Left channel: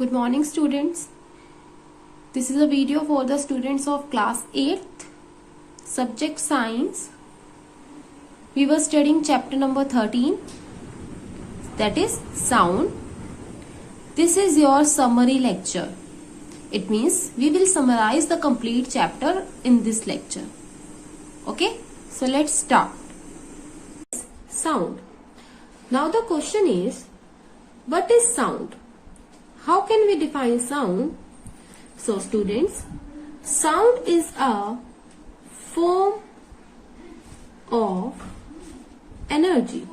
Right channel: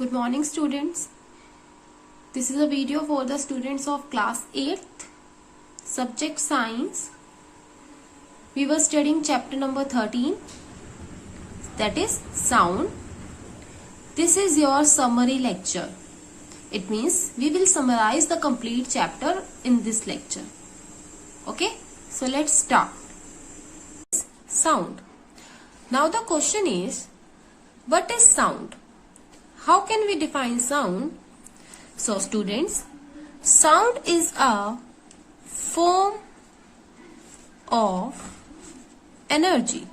Good morning, students. This is a video for the students of class 8th, subject science. We were studying chapter number 13, that is sound. This is your summary lecture. It means we will summarize the complete chapter in this lecture. Okay, so let's start. Sound. Now the question is, what is sound? How can we define sound? So students, sound is a form of energy.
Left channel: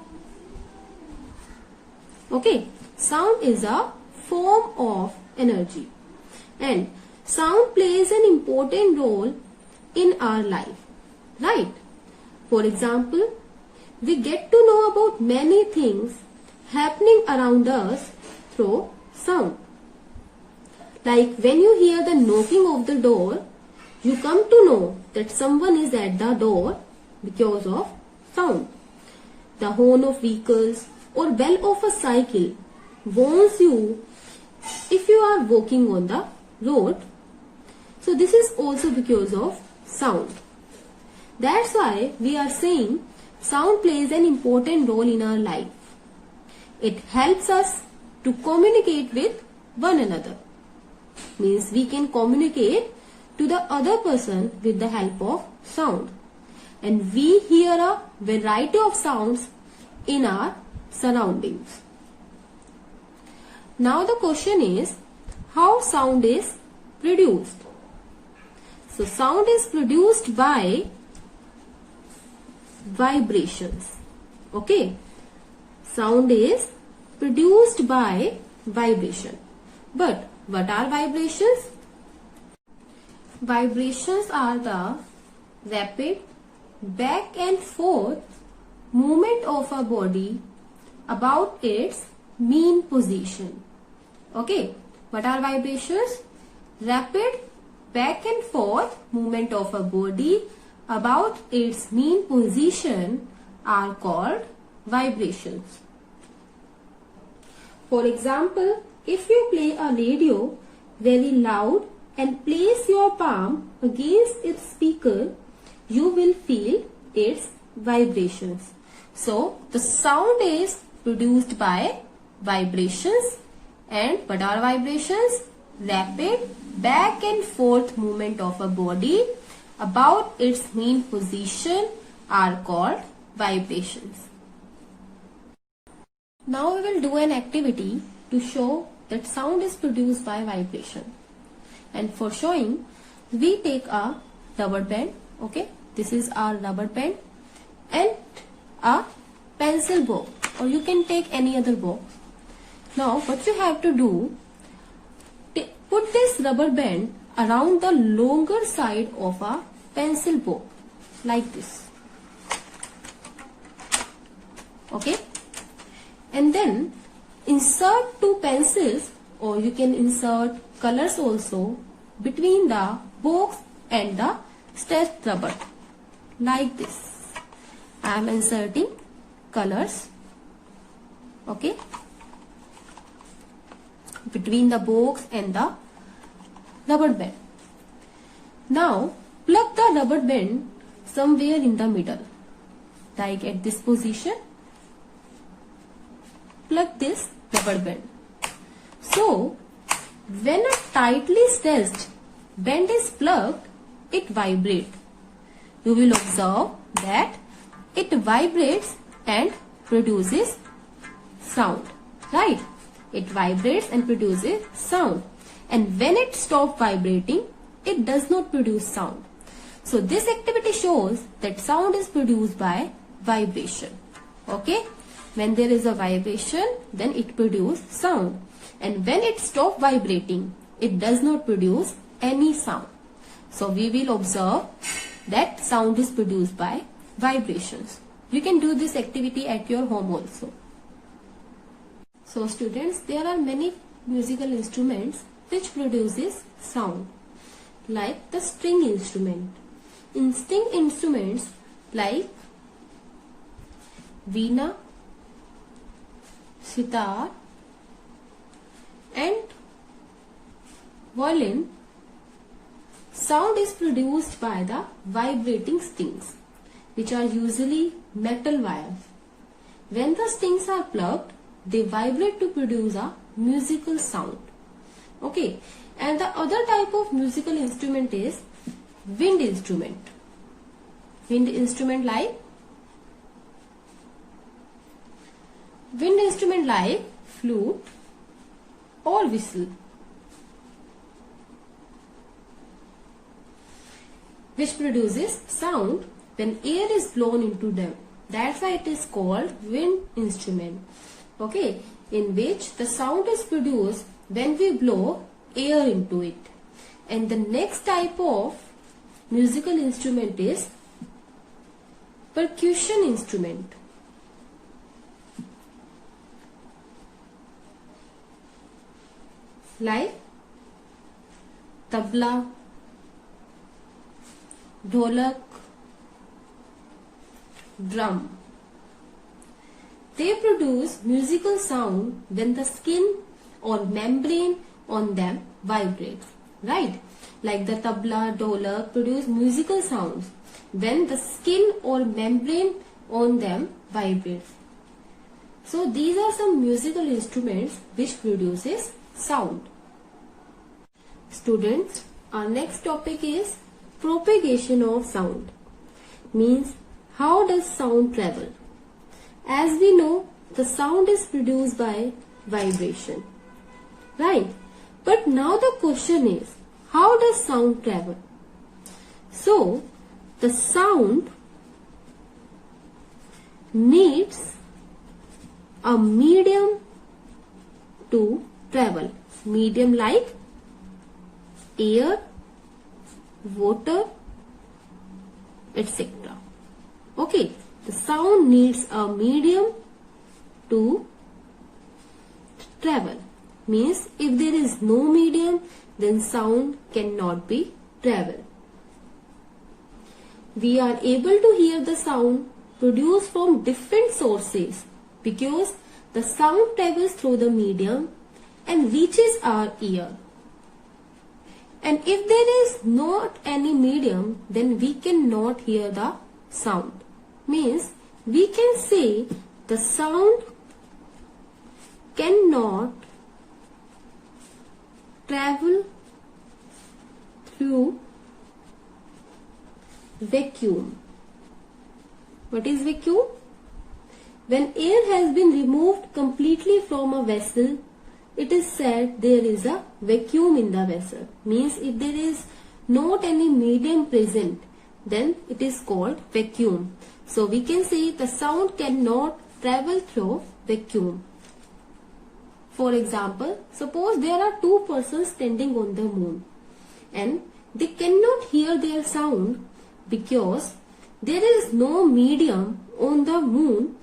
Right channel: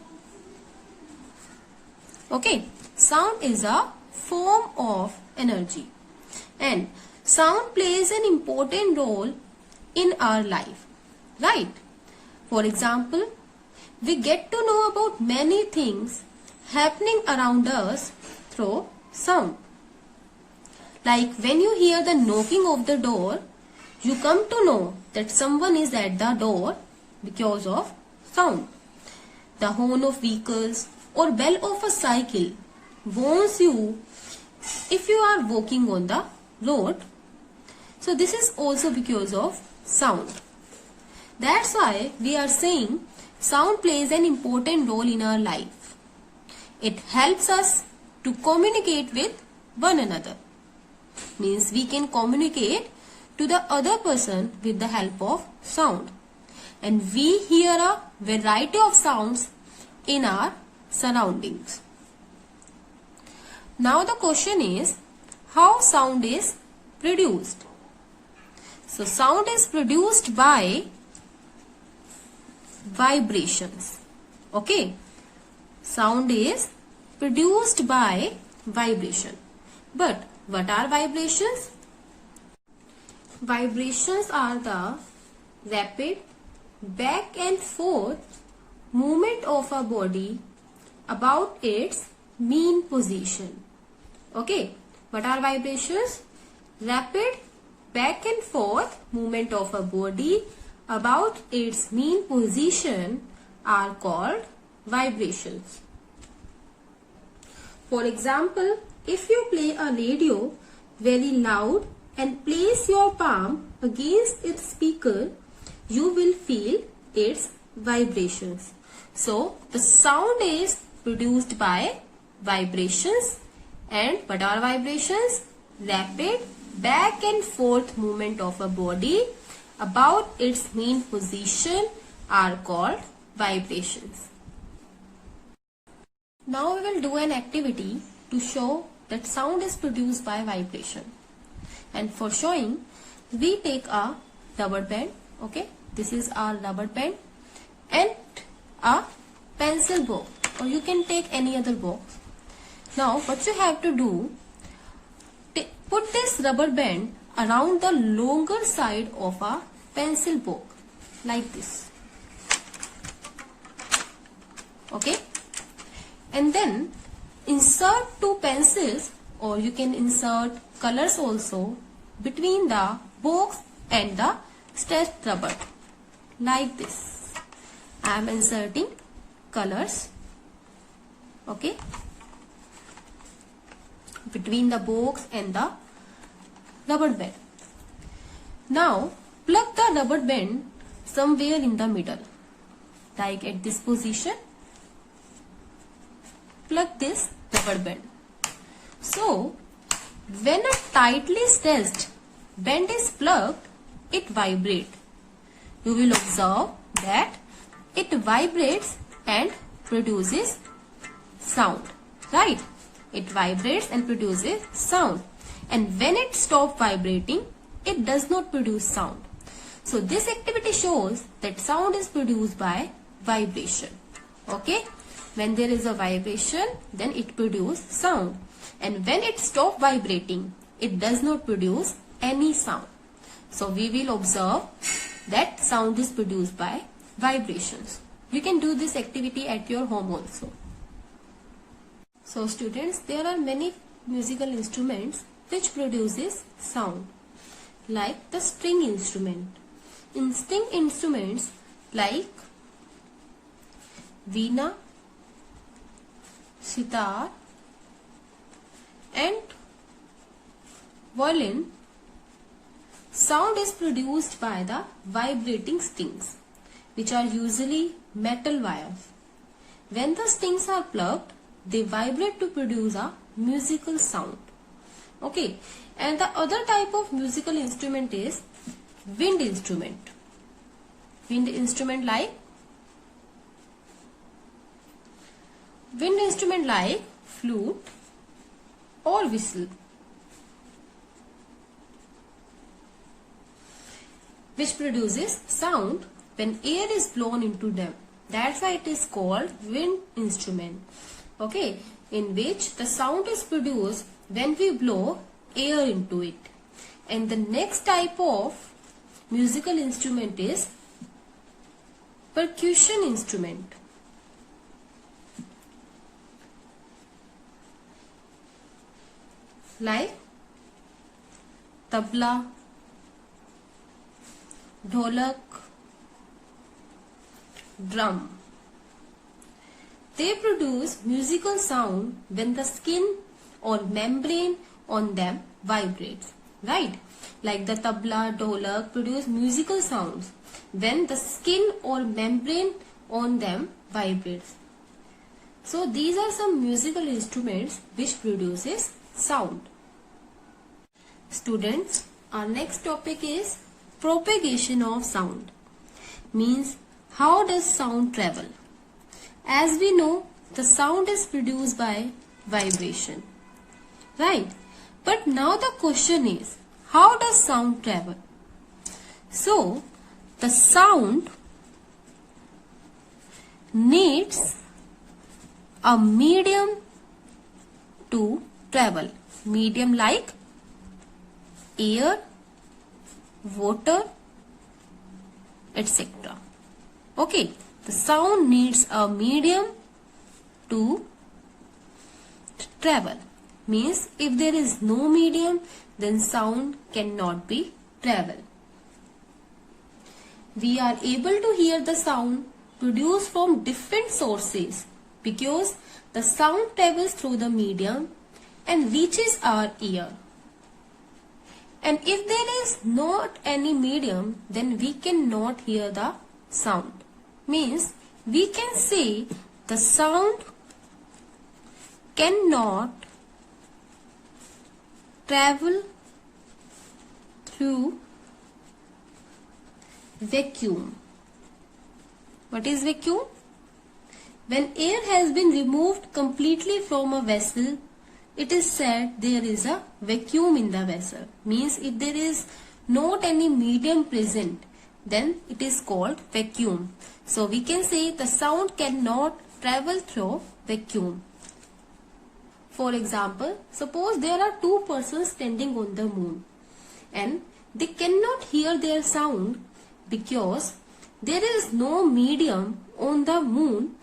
Okay, sound is a form of energy, and sound plays an important role in our life, right? For example, we get to know about many things happening around us through sound. Like when you hear the knocking of the door, you come to know that someone is at the door because of sound. The horn of vehicles or bell of a cycle warns you if you are walking on the road. So this is also because of sound. That's why we are saying sound plays an important role in our life. It helps us to communicate with one another. Means we can communicate to the other person with the help of sound. And we hear a variety of sounds in our surroundings. Now the question is, how sound is produced? So sound is produced by vibrations. Okay. Sound is produced by vibration. But what are vibrations? Vibrations are the rapid back and forth movement of a body about its mean position. Okay, what are vibrations? Rapid back and forth movement of a body about its mean position are called vibrations. For example, if you play a radio very loud and place your palm against its speaker, you will feel its vibrations. So, the sound is produced by vibrations. And what are vibrations? Rapid back and forth movement of a body about its mean position are called vibrations. Now we will do an activity to show that sound is produced by vibration. And for showing, we take a rubber band. Okay, this is our rubber band and a pencil box, or you can take any other box. Now what you have to do, put this rubber band around the longer side of a pencil box like this. Okay, and then insert two pencils, or you can insert colors also, between the box and the stretched rubber like this. I am inserting colors, okay, between the box and the rubber band. Now plug the rubber band somewhere in the middle, like at this position. Plug this rubber band. So, when a tightly stretched band is plugged, it vibrates. You will observe that it vibrates and produces sound. Right? It vibrates and produces sound. And when it stops vibrating, it does not produce sound. So, this activity shows that sound is produced by vibration. Okay? When there is a vibration, then it produces sound. And when it stops vibrating, it does not produce any sound. So we will observe that sound is produced by vibrations. You can do this activity at your home also. So students, there are many musical instruments which produces sound, like the string instrument. In string instruments like veena, sitar and violin, sound is produced by the vibrating strings, which are usually metal wires. When the strings are plucked, they vibrate to produce a musical sound. Okay, and the other type of musical instrument is wind instrument. Wind instrument like flute or whistle, which produces sound when air is blown into them. That's why it is called wind instrument. Okay, in which the sound is produced when we blow air into it. And the next type of musical instrument is percussion instrument. Like tabla, dholak, drum. They produce musical sound when the skin or membrane on them vibrates, right? Like the tabla, dholak produce musical sounds when the skin or membrane on them vibrates. So these are some musical instruments which produces sound. Students, our next topic is propagation of sound. Means how does sound travel? As we know, the sound is produced by vibration, right? But now the question is, how does sound travel? So, the sound needs a medium to travel. Medium like air, water, etc. Okay, the sound needs a medium to travel. Means if there is no medium, then sound cannot be travel. We are able to hear the sound produced from different sources because the sound travels through the medium and reaches our ear. And if there is not any medium, then we cannot hear the sound. Means we can say the sound cannot travel through vacuum. What is vacuum? When air has been removed completely from a vessel, it is said there is a vacuum in the vessel. Means if there is not any medium present, then it is called vacuum. So we can say the sound cannot travel through vacuum. For example, suppose there are two persons standing on the moon and they cannot hear their sound because there is no medium on the moon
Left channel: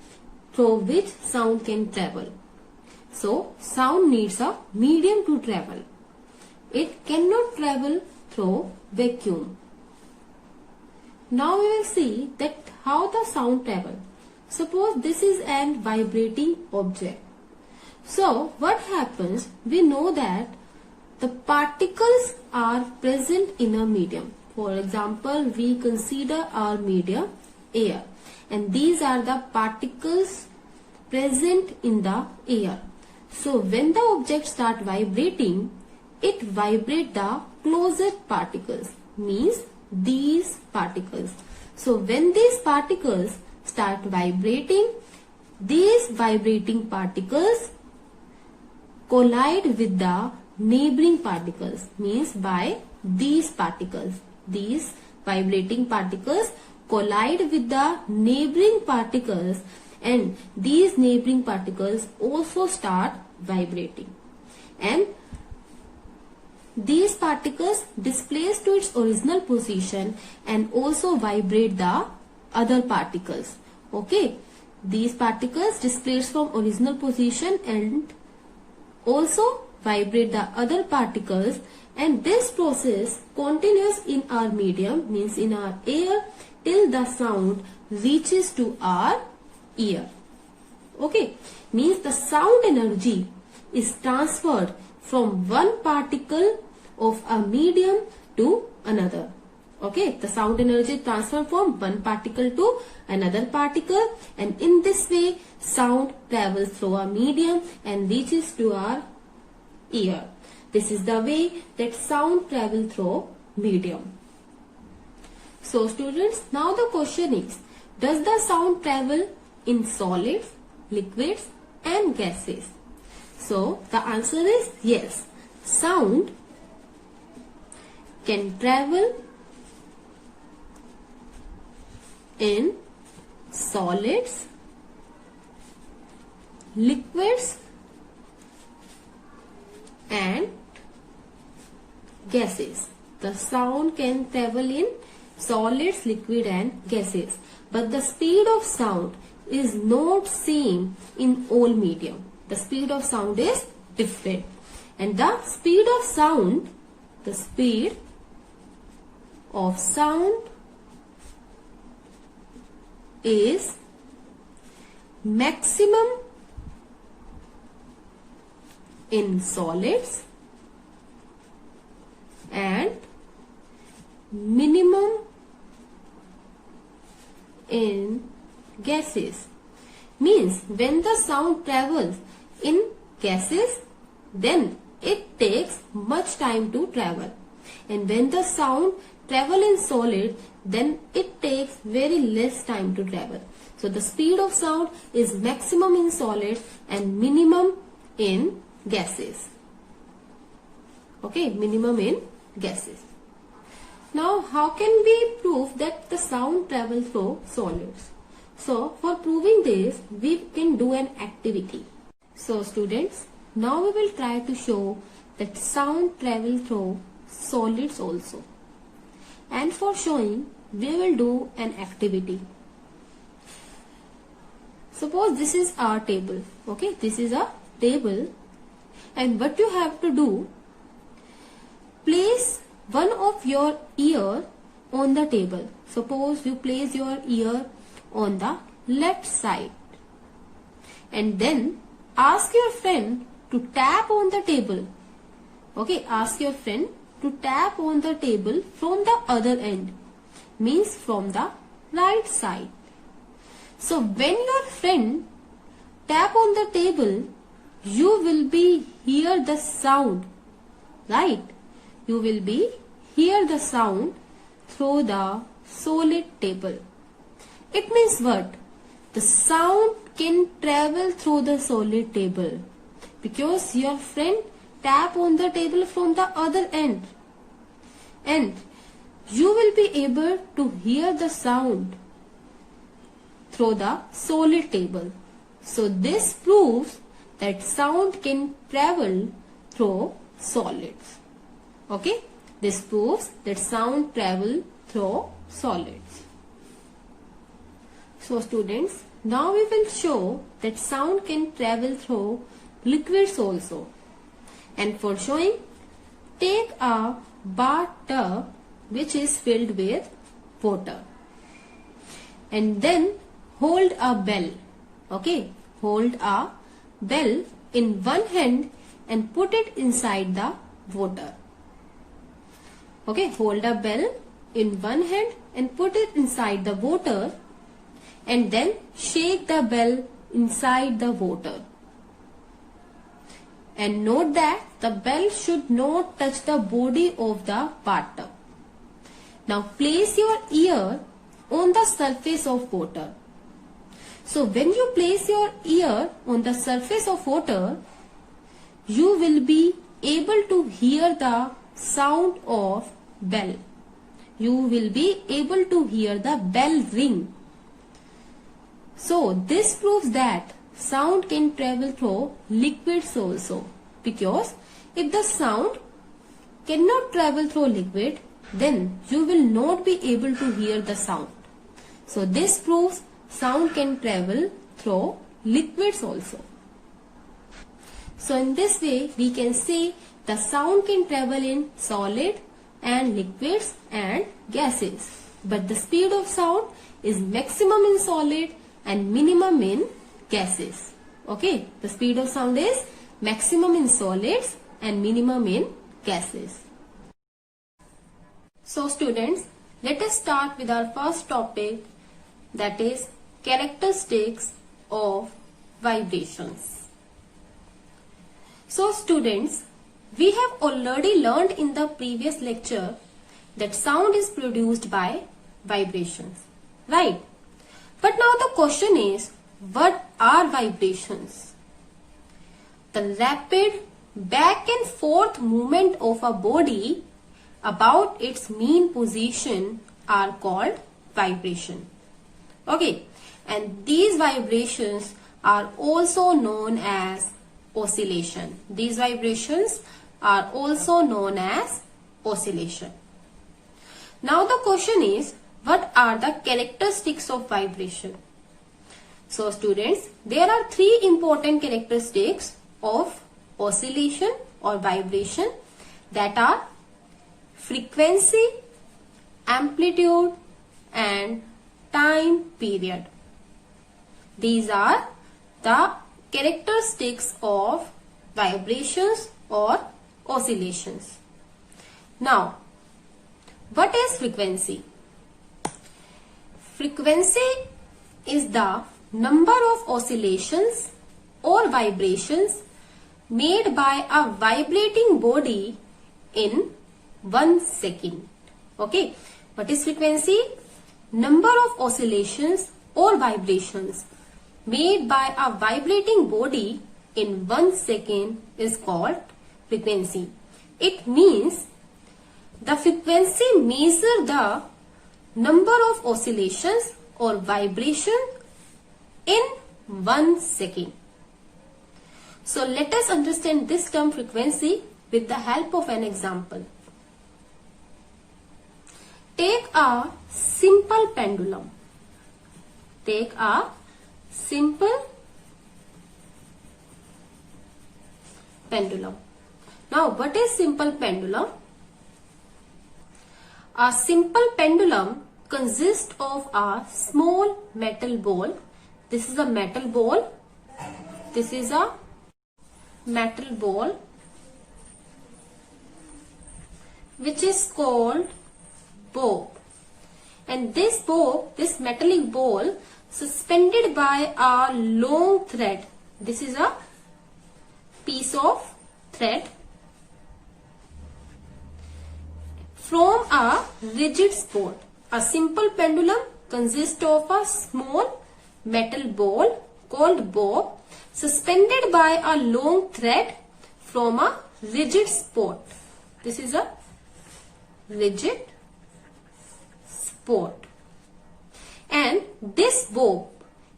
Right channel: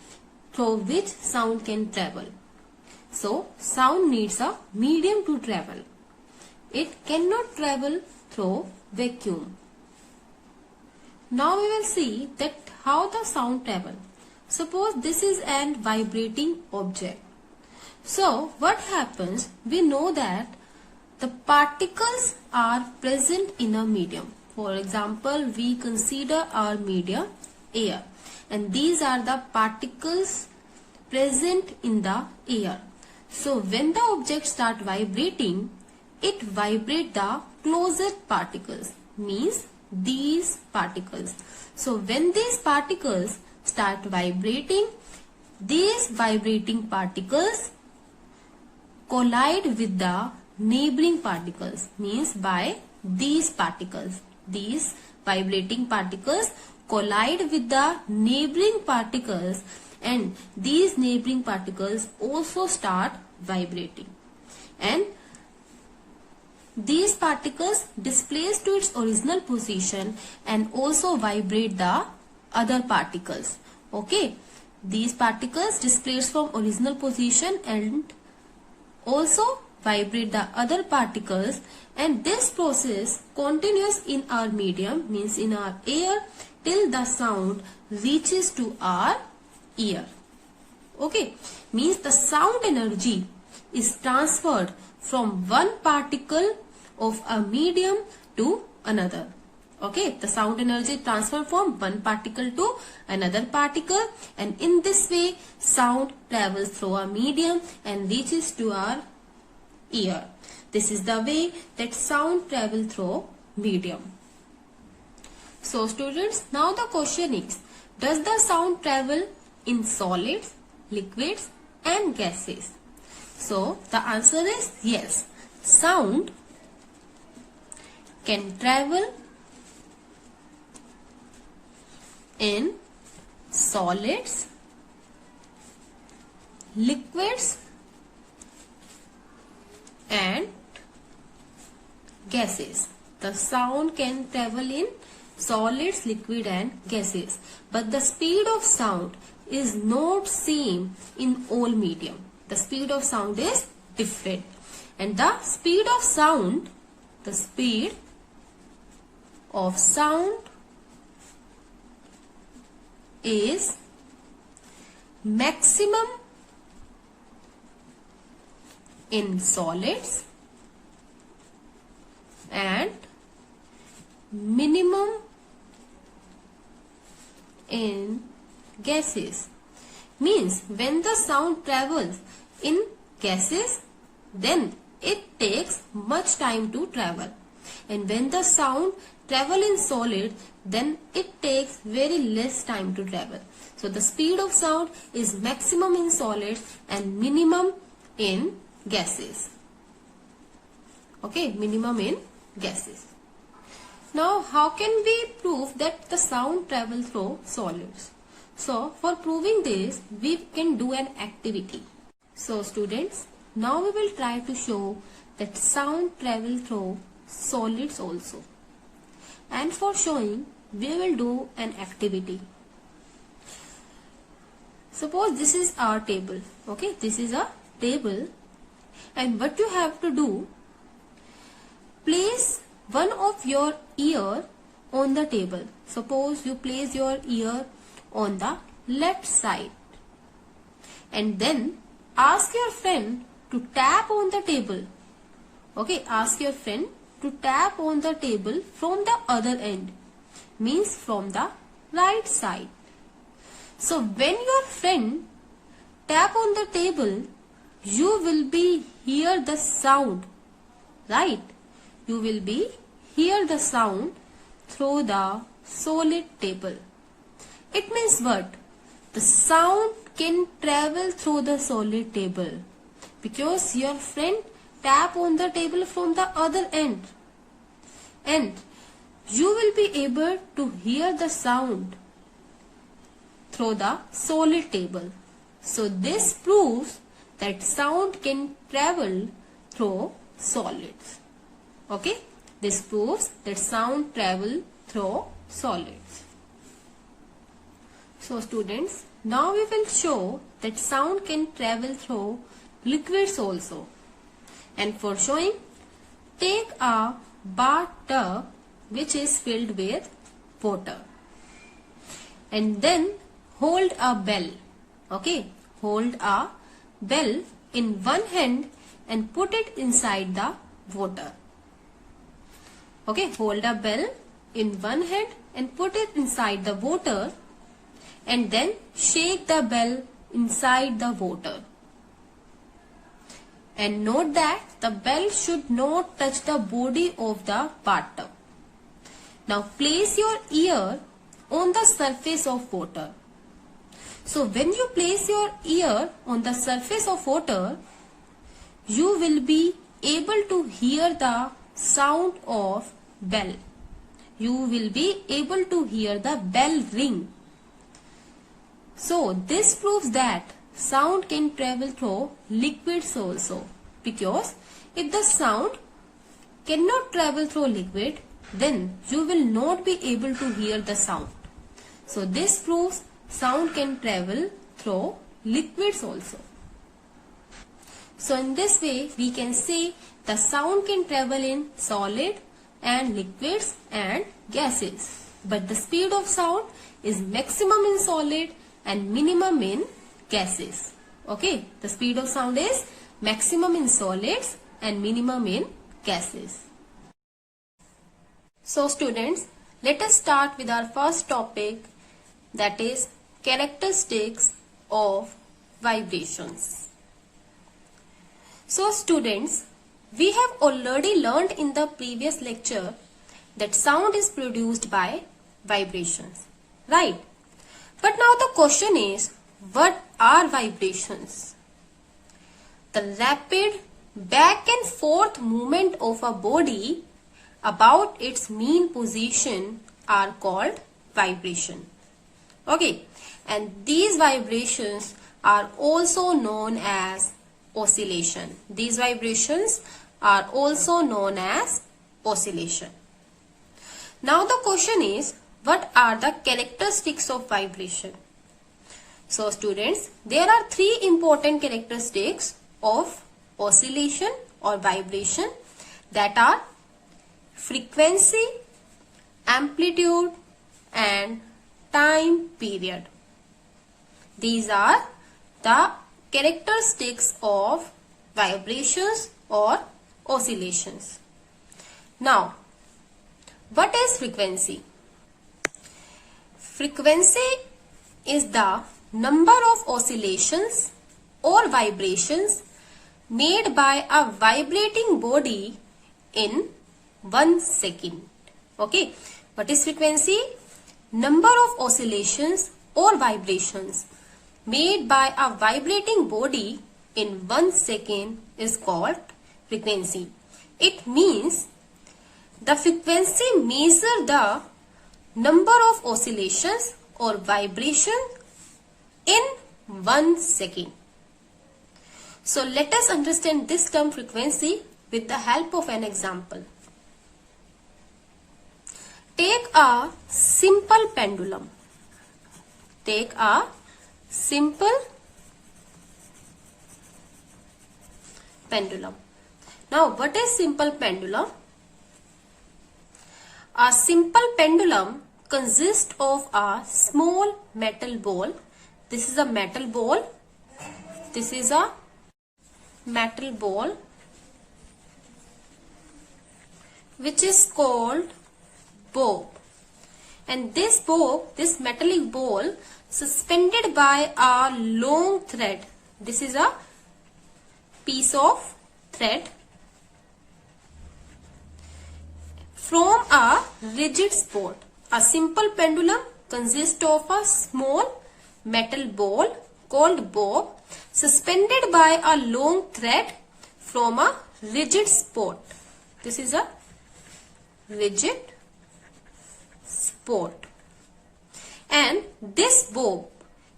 through which sound can travel. So, sound needs a medium to travel. It cannot travel through vacuum. Now we will see that how the sound travels. Suppose this is an vibrating object. So, what happens? We know that the particles are present in a medium. For example, we consider our medium air. And these are the particles present in the air. So, when the object starts vibrating, it vibrates the closest particles. Means these particles. So, when these particles start vibrating, these vibrating particles collide with the neighboring particles. Means by these particles. These vibrating particles collide with the neighboring particles and these neighboring particles also start vibrating. And these particles displace to its original position and also vibrate the other particles. Okay. These particles displace from original position and also vibrate the other particles, and this process continues in our medium, means in our air, till the sound reaches to our ear. Okay. Means the sound energy is transferred from one particle of a medium to another. Okay, the sound energy transfer from one particle to another particle, and in this way sound travels through a medium and reaches to our ear. This is the way that sound travels through medium. So students, now the question is, does the sound travel in solids, liquids and gases? So the answer is yes. Sound can travel in solids, liquids and gases. The sound can travel in solids, liquid and gases, but the speed of sound is not same in all medium. The speed of sound is different, and the speed of sound is maximum in solids and minimum in gases. Means when the sound travels in gases, then it takes much time to travel, and when the sound travel in solid, then it takes very less time to travel. So the speed of sound is maximum in solids and minimum in gases. Okay, minimum in gases. Now how can we prove that the sound travels through solids? So for proving this, we can do an activity. So students, now we will try to show that sound travels through solids also. And for showing, we will do an activity. Suppose this is our table. Okay, this is a table, and what you have to do, place one of your ear on the table. Suppose you place your ear on the left side, and then ask your friend to tap on the table. Okay, ask your friend to tap on the table from the other end, means from the right side. So when your friend tap on the table, you will be hear the sound, right? You will be hear the sound through the solid table. It means what? The sound can travel through the solid table because your friend tap on the table from the other end, and you will be able to hear the sound through the solid table. So this proves that sound can travel through solids. Okay, this proves that sound travel through solids. So students, now we will show that sound can travel through liquids also. And for showing, take a bathtub which is filled with water, and then hold a bell. Okay, hold a bell in one hand and put it inside the water. Okay, hold a bell in one hand and put it inside the water, and then shake the bell inside the water. And note that the bell should not touch the body of the bathtub. Now place your ear on the surface of water. So when you place your ear on the surface of water, you will be able to hear the sound of bell. You will be able to hear the bell ring. So this proves that sound can travel through liquids also, because if the sound cannot travel through liquid, then you will not be able to hear the sound. So this proves sound can travel through liquids also. So in this way we can say the sound can travel in solid and liquids and gases, but the speed of sound is maximum in solid and minimum in gases. Okay, the speed of sound is maximum in solids and minimum in gases. So students, let us start with our first topic, that is characteristics of vibrations. So students, we have already learned in the previous lecture that sound is produced by vibrations, right? But now the question is, what are vibrations? The rapid back and forth movement of a body about its mean position are called vibration. Okay, and these vibrations are also known as oscillation. These vibrations are also known as oscillation. Now the question is, what are the characteristics of vibration? So students, there are three important characteristics of oscillation or vibration, that are frequency, amplitude and time period. These are the characteristics of vibrations or oscillations. Now, what is frequency? Frequency is the number of oscillations or vibrations made by a vibrating body in 1 second. Okay, what is frequency? Number of oscillations or vibrations made by a vibrating body in 1 second is called frequency. It means the frequency measures the number of oscillations or vibration in 1 second. So let us understand this term frequency with the help of an example. Take a simple pendulum. Take a simple pendulum. Now, what is simple pendulum? A simple pendulum consists of a small metal ball. This is a metal ball. This is a metal ball which is called bob, and this bob, this metallic ball, suspended by a long thread. This is a piece of thread from a rigid spot. A simple pendulum consists of a small metal ball called bob suspended by a long thread from a rigid spot. This is a rigid spot. And this bob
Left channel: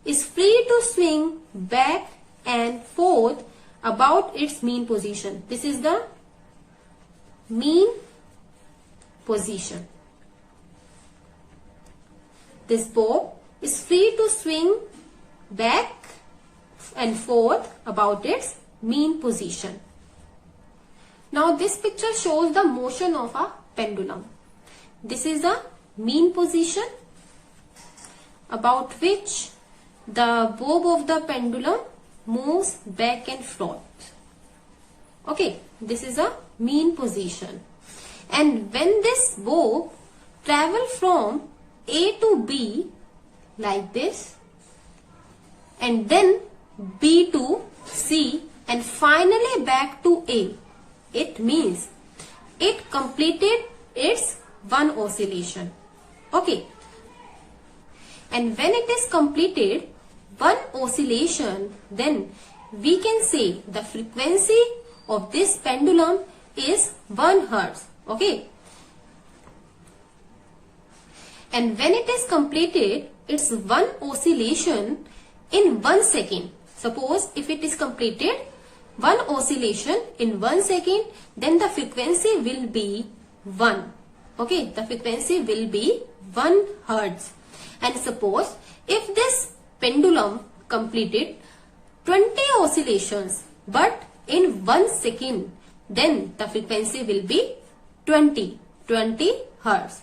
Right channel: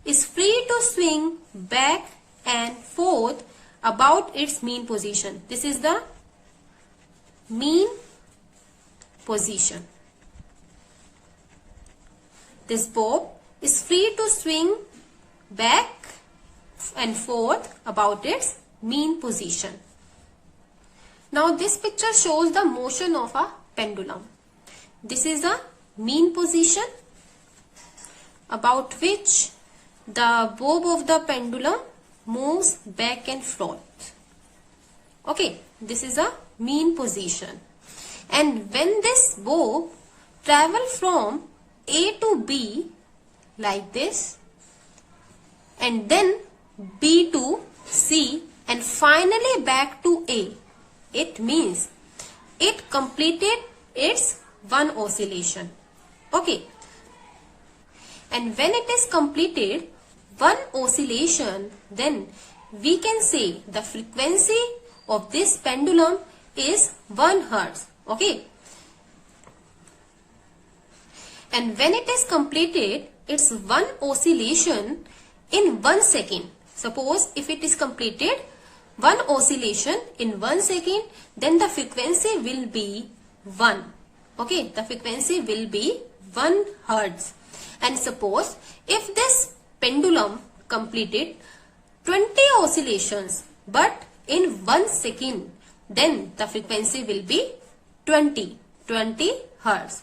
is free to swing back and forth about its mean position. This is the mean position. This bob is free to swing back and forth about its mean position. Now this picture shows the motion of a pendulum. This is the mean position about which the bob of the pendulum moves back and forth. Okay, this is a mean position. And when this bob travels from A to B like this, and then B to C and finally back to A, it means it completed its one oscillation. Okay, and when it is completed one oscillation, then we can say the frequency of this pendulum is 1 Hertz. Okay, and when it is completed its one oscillation in 1 second, suppose if it is completed one oscillation in 1 second, then the frequency will be 1. Okay, the frequency will be 1 Hertz. And suppose if this pendulum completed 20 oscillations but in 1 second, then the frequency will be 20 Hertz.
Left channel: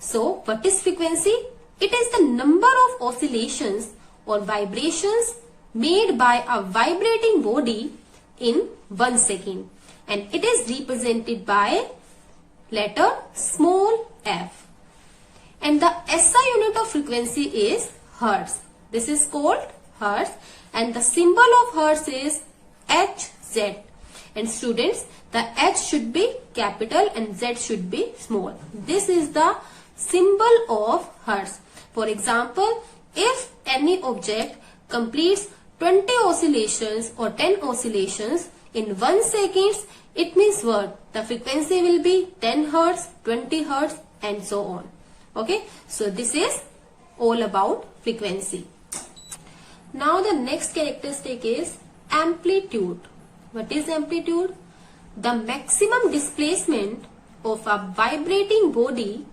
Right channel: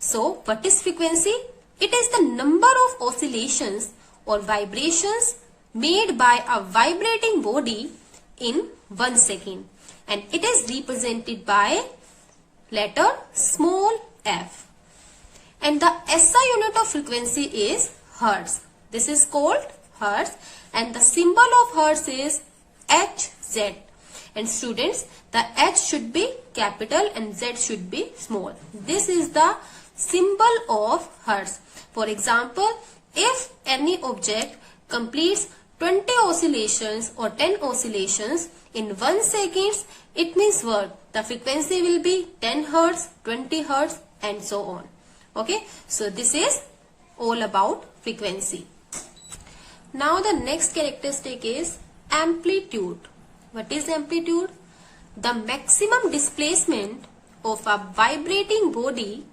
So what is frequency? It is the number of oscillations or vibrations made by a vibrating body in 1 second, and it is represented by letter small F. And the SI unit of frequency is Hertz. This is called Hertz, and the symbol of Hertz is HZ. And students, the H should be capital and Z should be small. This is the symbol of Hertz. For example, if any object completes 20 oscillations or 10 oscillations in 1 second, it means what? The frequency will be 10 Hertz, 20 Hertz and so on. Okay, so this is all about frequency. Now the next characteristic is amplitude. What is amplitude? The maximum displacement of a vibrating body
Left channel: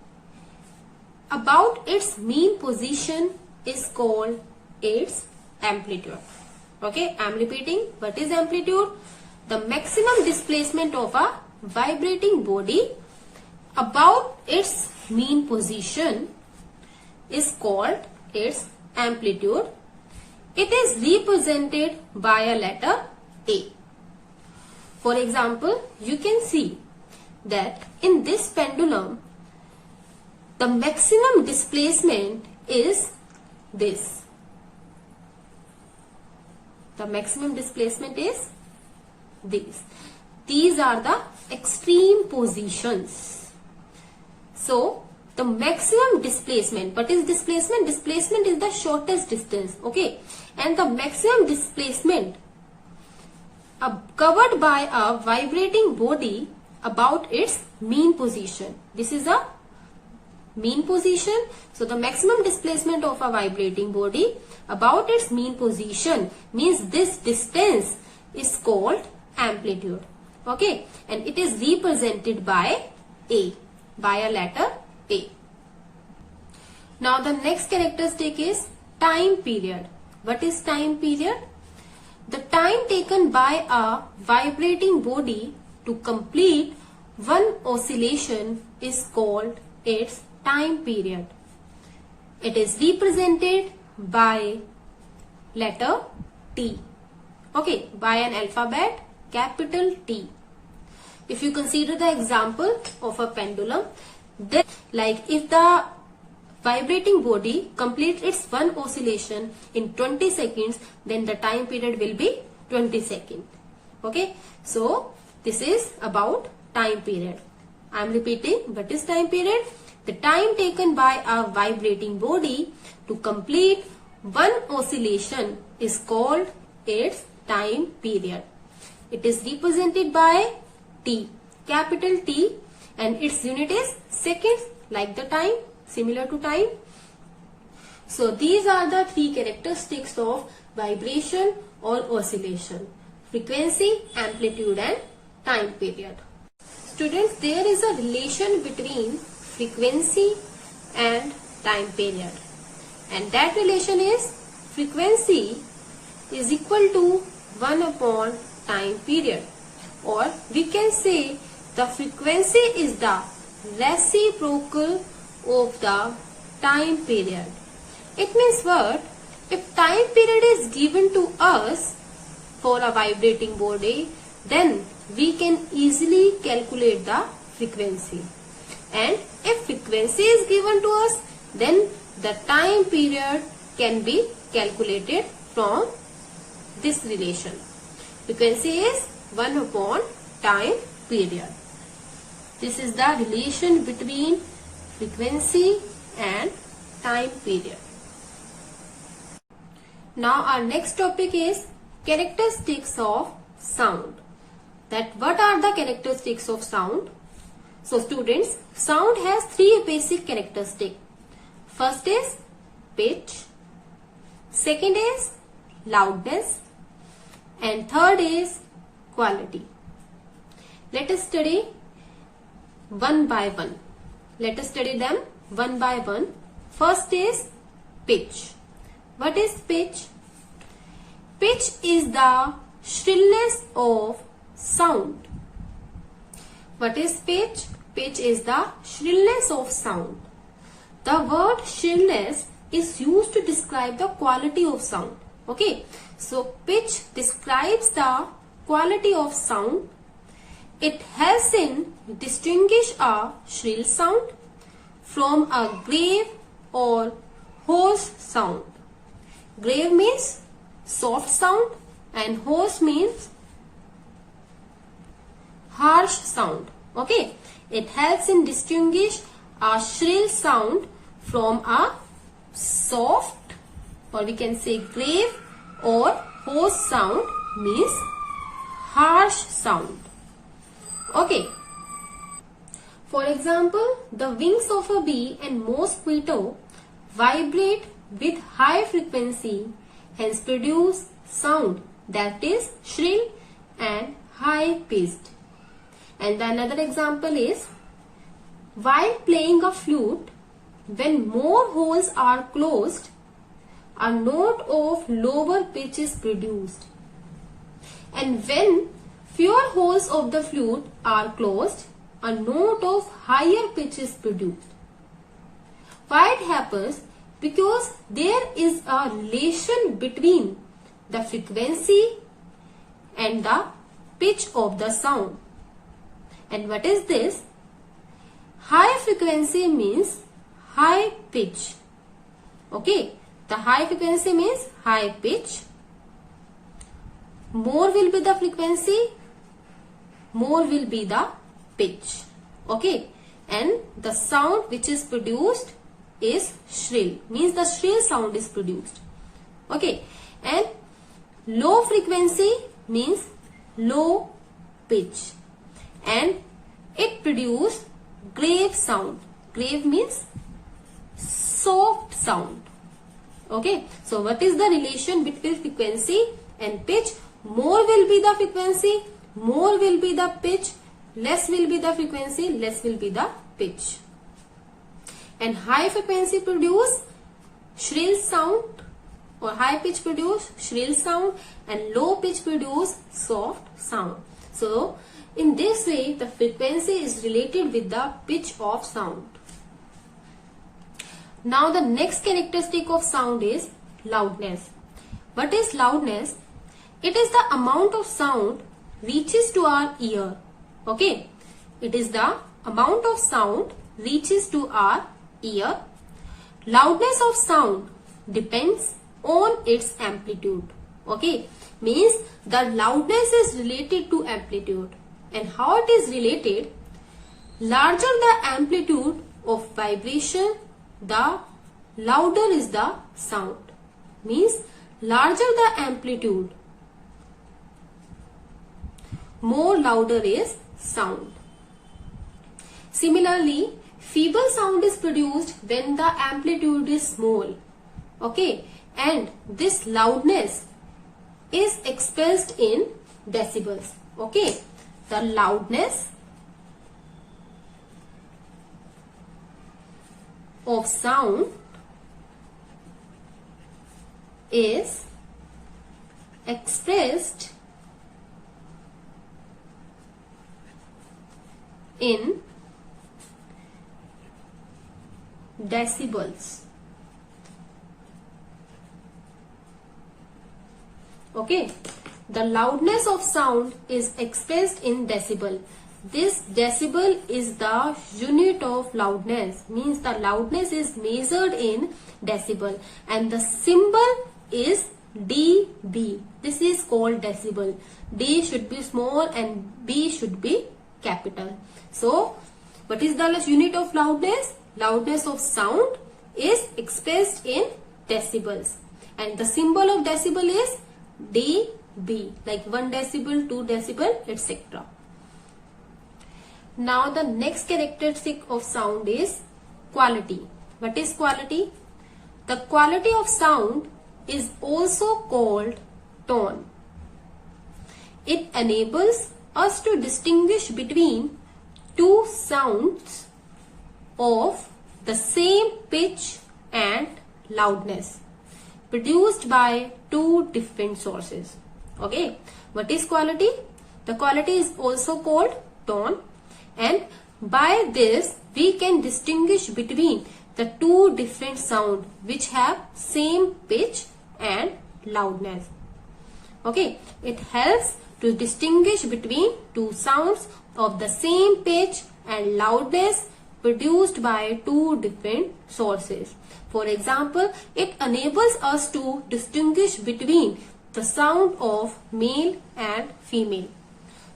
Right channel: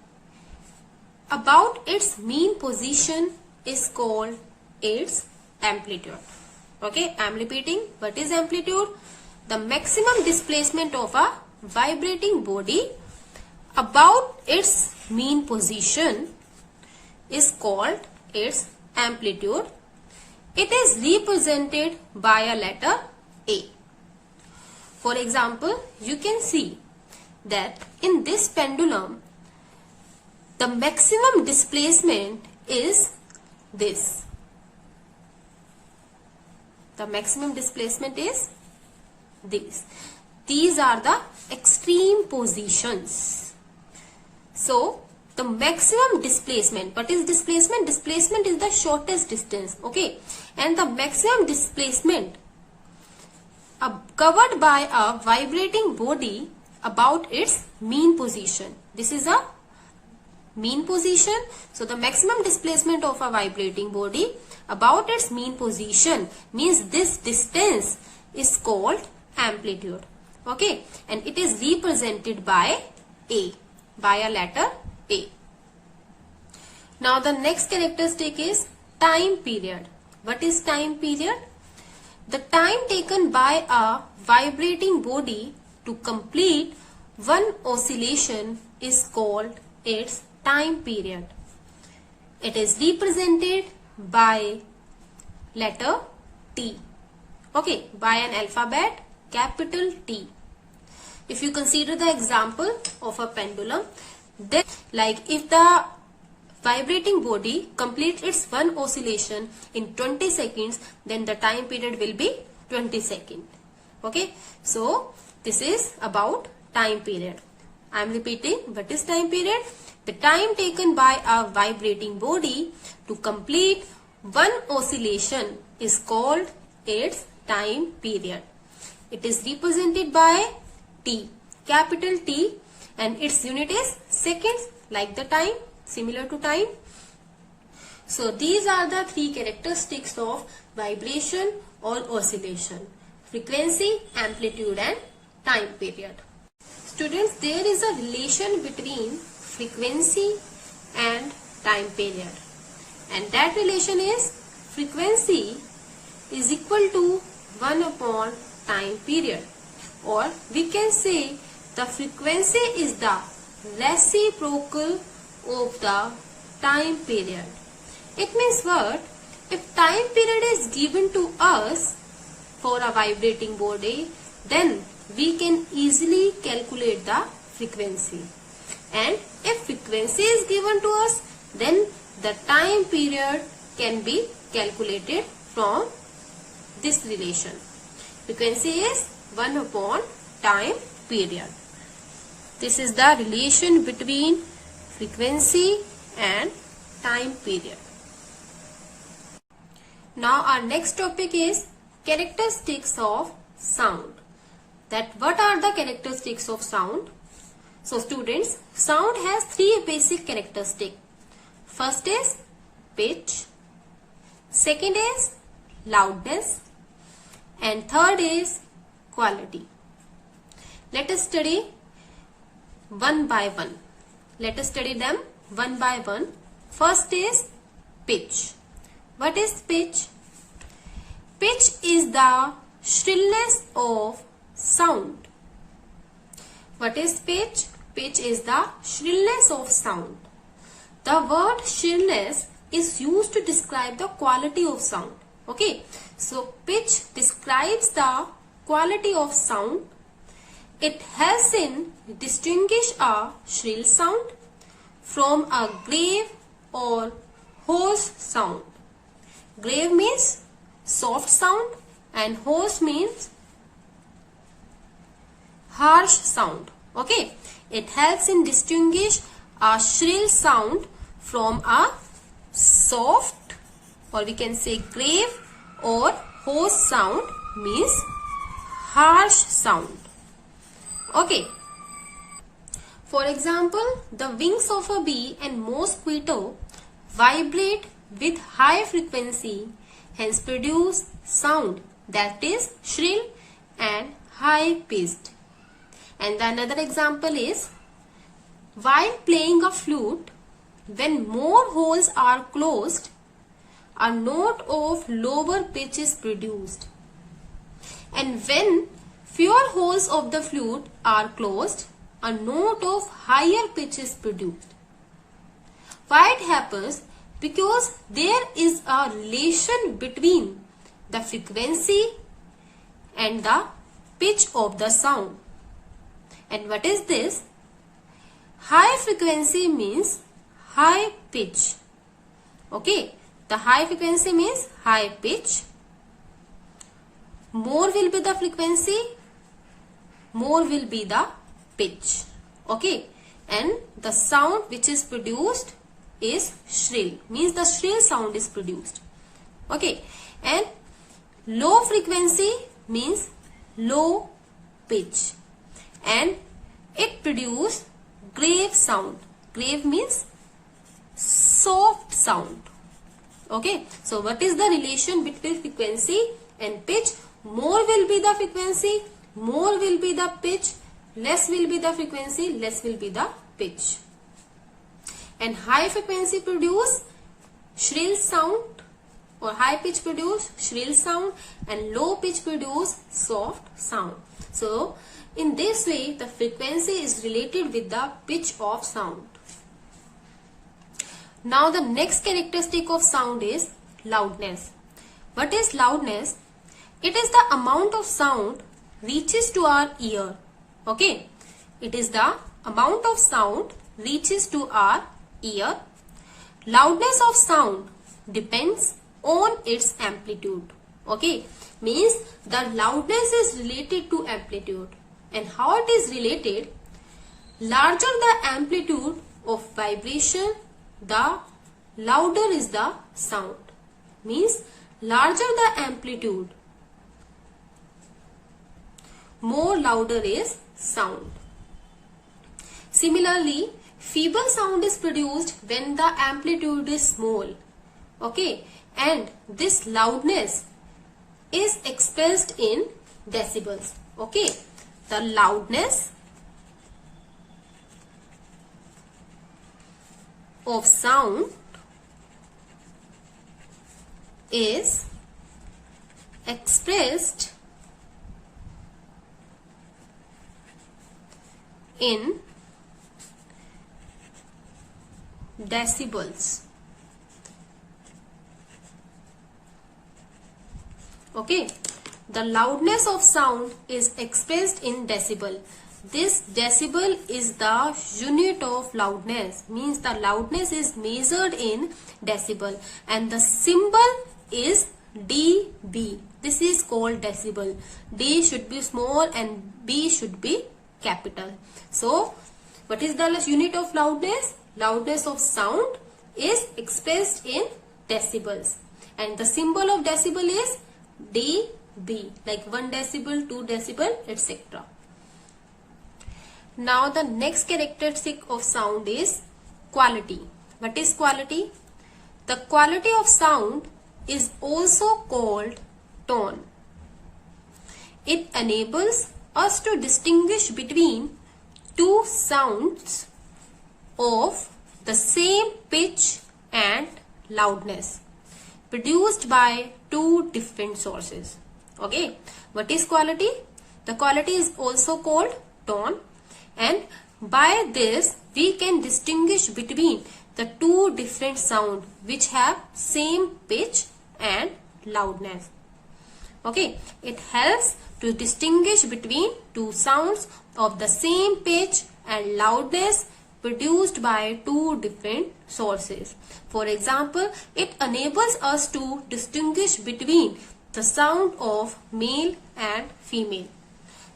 about its mean position is called its amplitude. Okay, I'm repeating. What is amplitude? The maximum displacement of a vibrating body about its mean position is called its amplitude. It is represented by a letter A. For example, you can see that in this pendulum, the maximum displacement is this. The maximum displacement is these. These are the extreme positions. So, the maximum displacement. What is displacement? Displacement is the shortest distance. Okay. And the maximum displacement covered by a vibrating body about its mean position. This is a mean position. So, the maximum displacement of a vibrating body about its mean position means this distance is called amplitude. Okay. And it is represented by A, by a letter A. Now, the next characteristic is time period. What is time period? The time taken by a vibrating body to complete one oscillation is called its time period. It is represented by letter T. Okay, by an alphabet capital T. If you consider the example of a pendulum, then like if the vibrating body completes its one oscillation in 20 seconds, then the time period will be 20 seconds. Okay, so this is about time period. I am repeating, what is time period? The time taken by a vibrating body to complete one oscillation is called its time period. It is represented by T, capital T, and its unit is seconds, like the time, similar to time. So these are the three characteristics of vibration or oscillation: frequency, amplitude and time period. Students, there is a relation between frequency and time period, and that relation is frequency is equal to 1 upon time period, or we can say the frequency is the reciprocal of the time period. It means what? If time period is given to us for a vibrating body, then we can easily calculate the frequency. And if frequency is given to us, then the time period can be calculated from this relation. Frequency is 1 upon time period. This is the relation between frequency and time period. Now our next topic is characteristics of sound. That what are the characteristics of sound? So students, sound has three basic characteristics. First is pitch, second is loudness, and third is quality. Let us study one by one. Let us study them one by one. First is pitch. What is pitch? Pitch is the shrillness of sound. What is pitch? Pitch is the shrillness of sound. The word shrillness is used to describe the quality of sound. Okay, so pitch describes the quality of sound. It helps in distinguish a shrill sound from a grave or hoarse sound. Grave means soft sound and hoarse means harsh sound. Okay, it helps in distinguish a shrill sound from a soft, or we can say grave or hoarse sound means harsh sound. Okay. For example, the wings of a bee and mosquito vibrate with high frequency, hence produce sound that is shrill and high pitched. And the another example is, while playing a flute, when more holes are closed, a note of lower pitch is produced. And when fewer holes of the flute are closed, a note of higher pitch is produced. Why it happens? Because there is a relation between the frequency and the pitch of the sound. And what is this? High frequency means high pitch. Okay, the high frequency means high pitch. More will be the frequency, more will be the pitch. Okay, and the sound which is produced is shrill, means the shrill sound is produced. Okay, and low frequency means low pitch, and it produces grave sound. Grave means soft sound. Okay, so what is the relation between frequency and pitch? More will be the frequency, more will be the pitch, less will be the frequency, less will be the pitch. And high frequency produce shrill sound, or high pitch produce shrill sound, and low pitch produce soft sound. So in this way the frequency is related with the pitch of sound. Now the next characteristic of sound is loudness. What is loudness? It is the amount of sound reaches to our ear. Okay, it is the amount of sound reaches to our ear. Loudness of sound depends on its amplitude. Okay, means the loudness is related to amplitude. And how it is related? Larger the amplitude of vibration, the louder is the sound. Means larger the amplitude, more louder is sound. Similarly, feeble sound is produced when the amplitude is small. Okay, and this loudness is expressed in decibels. Okay, the loudness of sound is expressed in decibels. Okay, the loudness of sound is expressed in decibel. This decibel is the unit of loudness, means the loudness is measured in decibel, and the symbol is dB. This is called decibel. D should be small and B should be capital. So, what is the unit of loudness? Loudness of sound is expressed in decibels, and the symbol of decibel is dB, like 1 decibel, 2 decibel, etc. Now the next characteristic of sound is quality. What is quality? The quality of sound is also called tone. It enables us to distinguish between two sounds of the same pitch and loudness produced by two different sources. Okay, what is quality? The quality is also called tone, and by this we can distinguish between the two different sounds which have same pitch and loudness. Okay, it helps to distinguish between two sounds of the same pitch and loudness produced by two different sources. For example, it enables us to distinguish between the sound of male and female.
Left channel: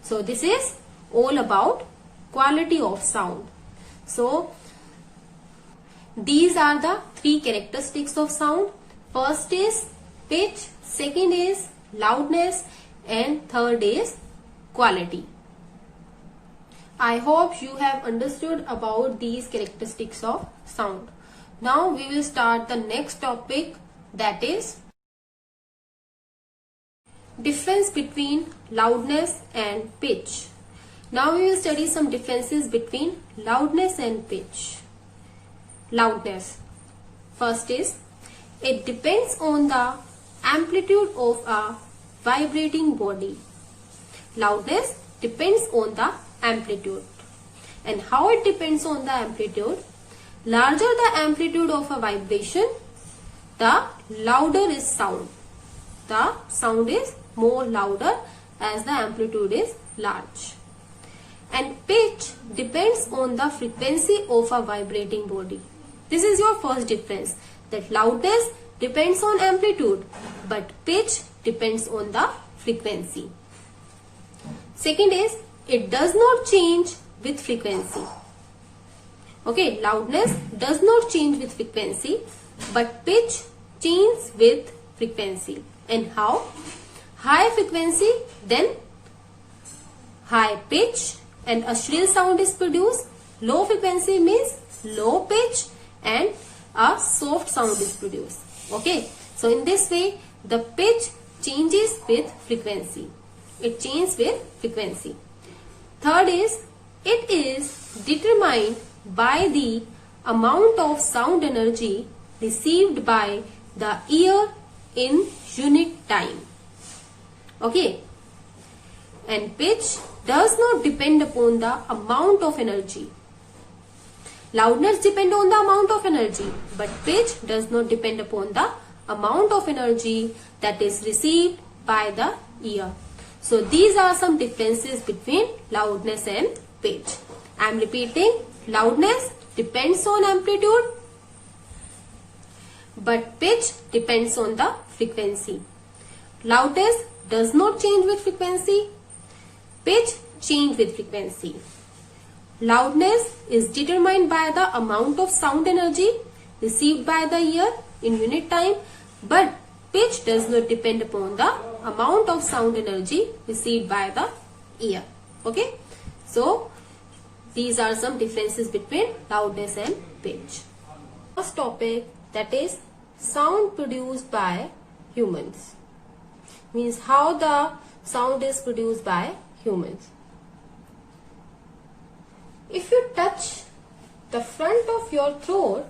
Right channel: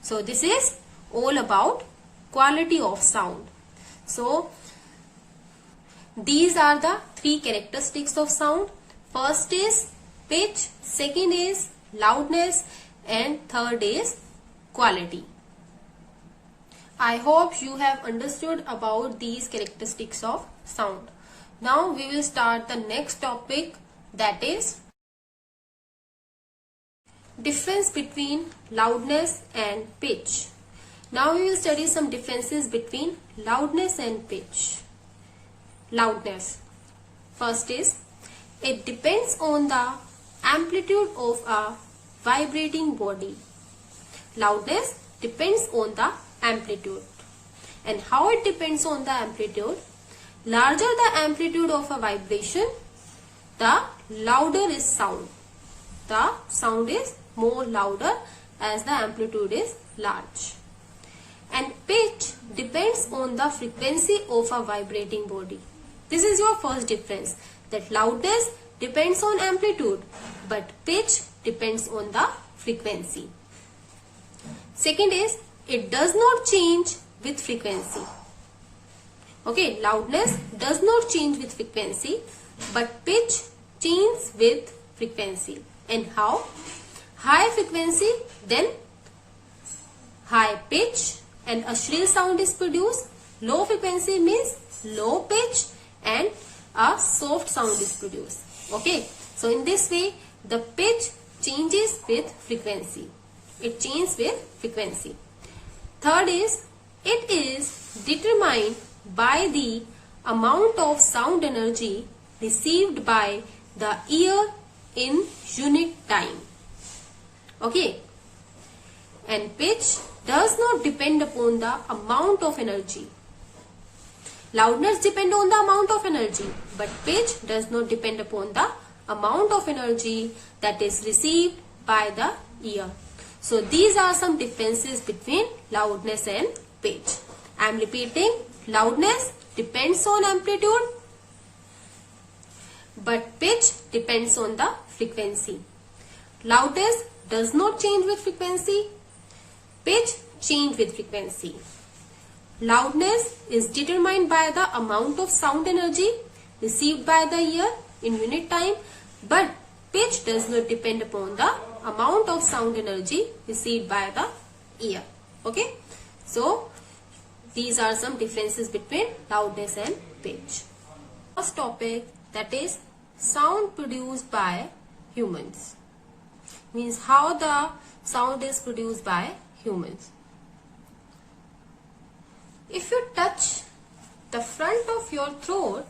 So this is all about quality of sound. So these are the three characteristics of sound. First is pitch, second is loudness, and third is quality. I hope you have understood about these characteristics of sound. Now we will start the next topic, that is difference between loudness and pitch. Now we will study some differences between loudness and pitch. Loudness. First is, it depends on the amplitude of a vibrating body. Loudness depends on the amplitude. And how it depends on the amplitude? Larger the amplitude of a vibration, the louder is sound. The sound is more louder as the amplitude is large. And pitch depends on the frequency of a vibrating body. This is your first difference, that loudness depends on amplitude, but pitch depends on the frequency. Second is, it does not change with frequency. Okay, loudness does not change with frequency, but pitch changes with frequency. And how? High frequency, then high pitch and a shrill sound is produced. Low frequency means low pitch and a soft sound is produced. Okay, so in this way the pitch changes with frequency. It changes with frequency. Third is, it is determined by the amount of sound energy received by the ear in unit time. Okay, and pitch does not depend upon the amount of energy. Loudness depends on the amount of energy, but pitch does not depend upon the amount of energy that is received by the ear. So these are some differences between loudness and pitch. I am repeating, loudness depends on amplitude, but pitch depends on the frequency. Loudness does not change with frequency, pitch change with frequency. Loudness is determined by the amount of sound energy received by the ear in unit time, but pitch does not depend upon the amount of sound energy received by the ear. Okay, so these are some differences between loudness and pitch. First topic, that is sound produced by humans. Means how the sound is produced by humans. If you touch the front of your throat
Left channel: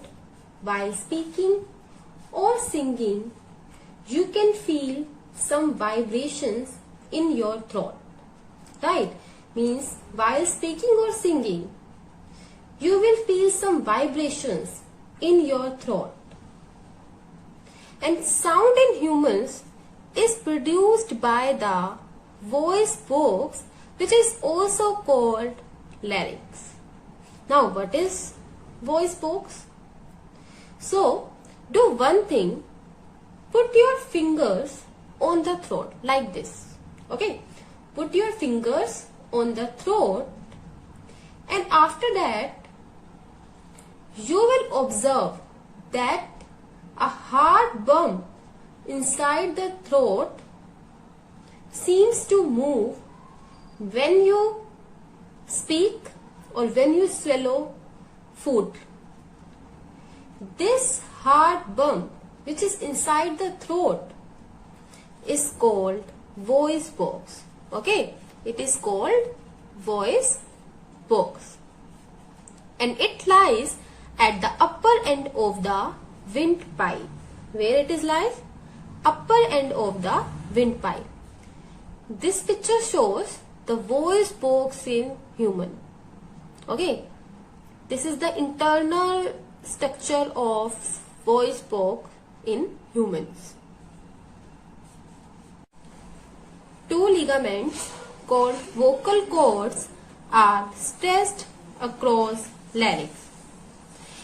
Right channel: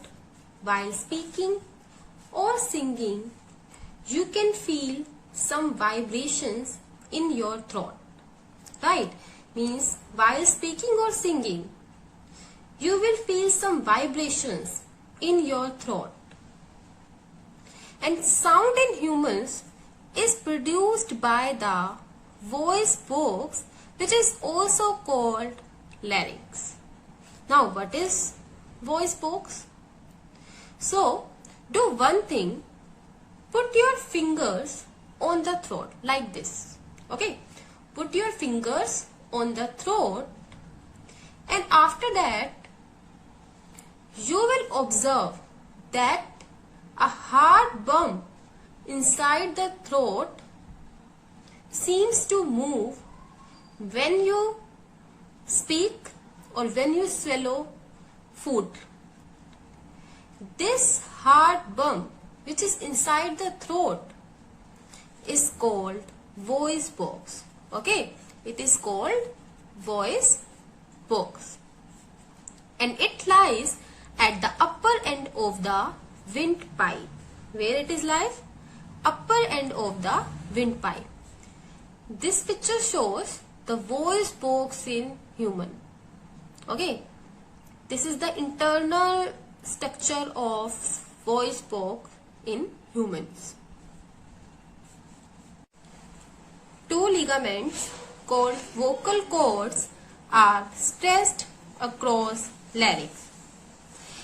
while speaking or singing, you can feel some vibrations in your throat. Right? Means while speaking or singing, you will feel some vibrations in your throat. And sound in humans is produced by the voice box, which is also called larynx. Now what is voice box? So do one thing, put your fingers on the throat like this. Okay, put your fingers on the throat, and after that you will observe that a hard bump inside the throat seems to move when you speak or when you swallow food. This hard bump which is inside the throat is called voice box. Okay, it is called voice box, and it lies at the upper end of the windpipe. Where it is lies? Upper end of the windpipe. This picture shows the voice box in human. Okay, this is the internal structure of voice box in humans. Two ligaments called vocal cords are stretched across larynx.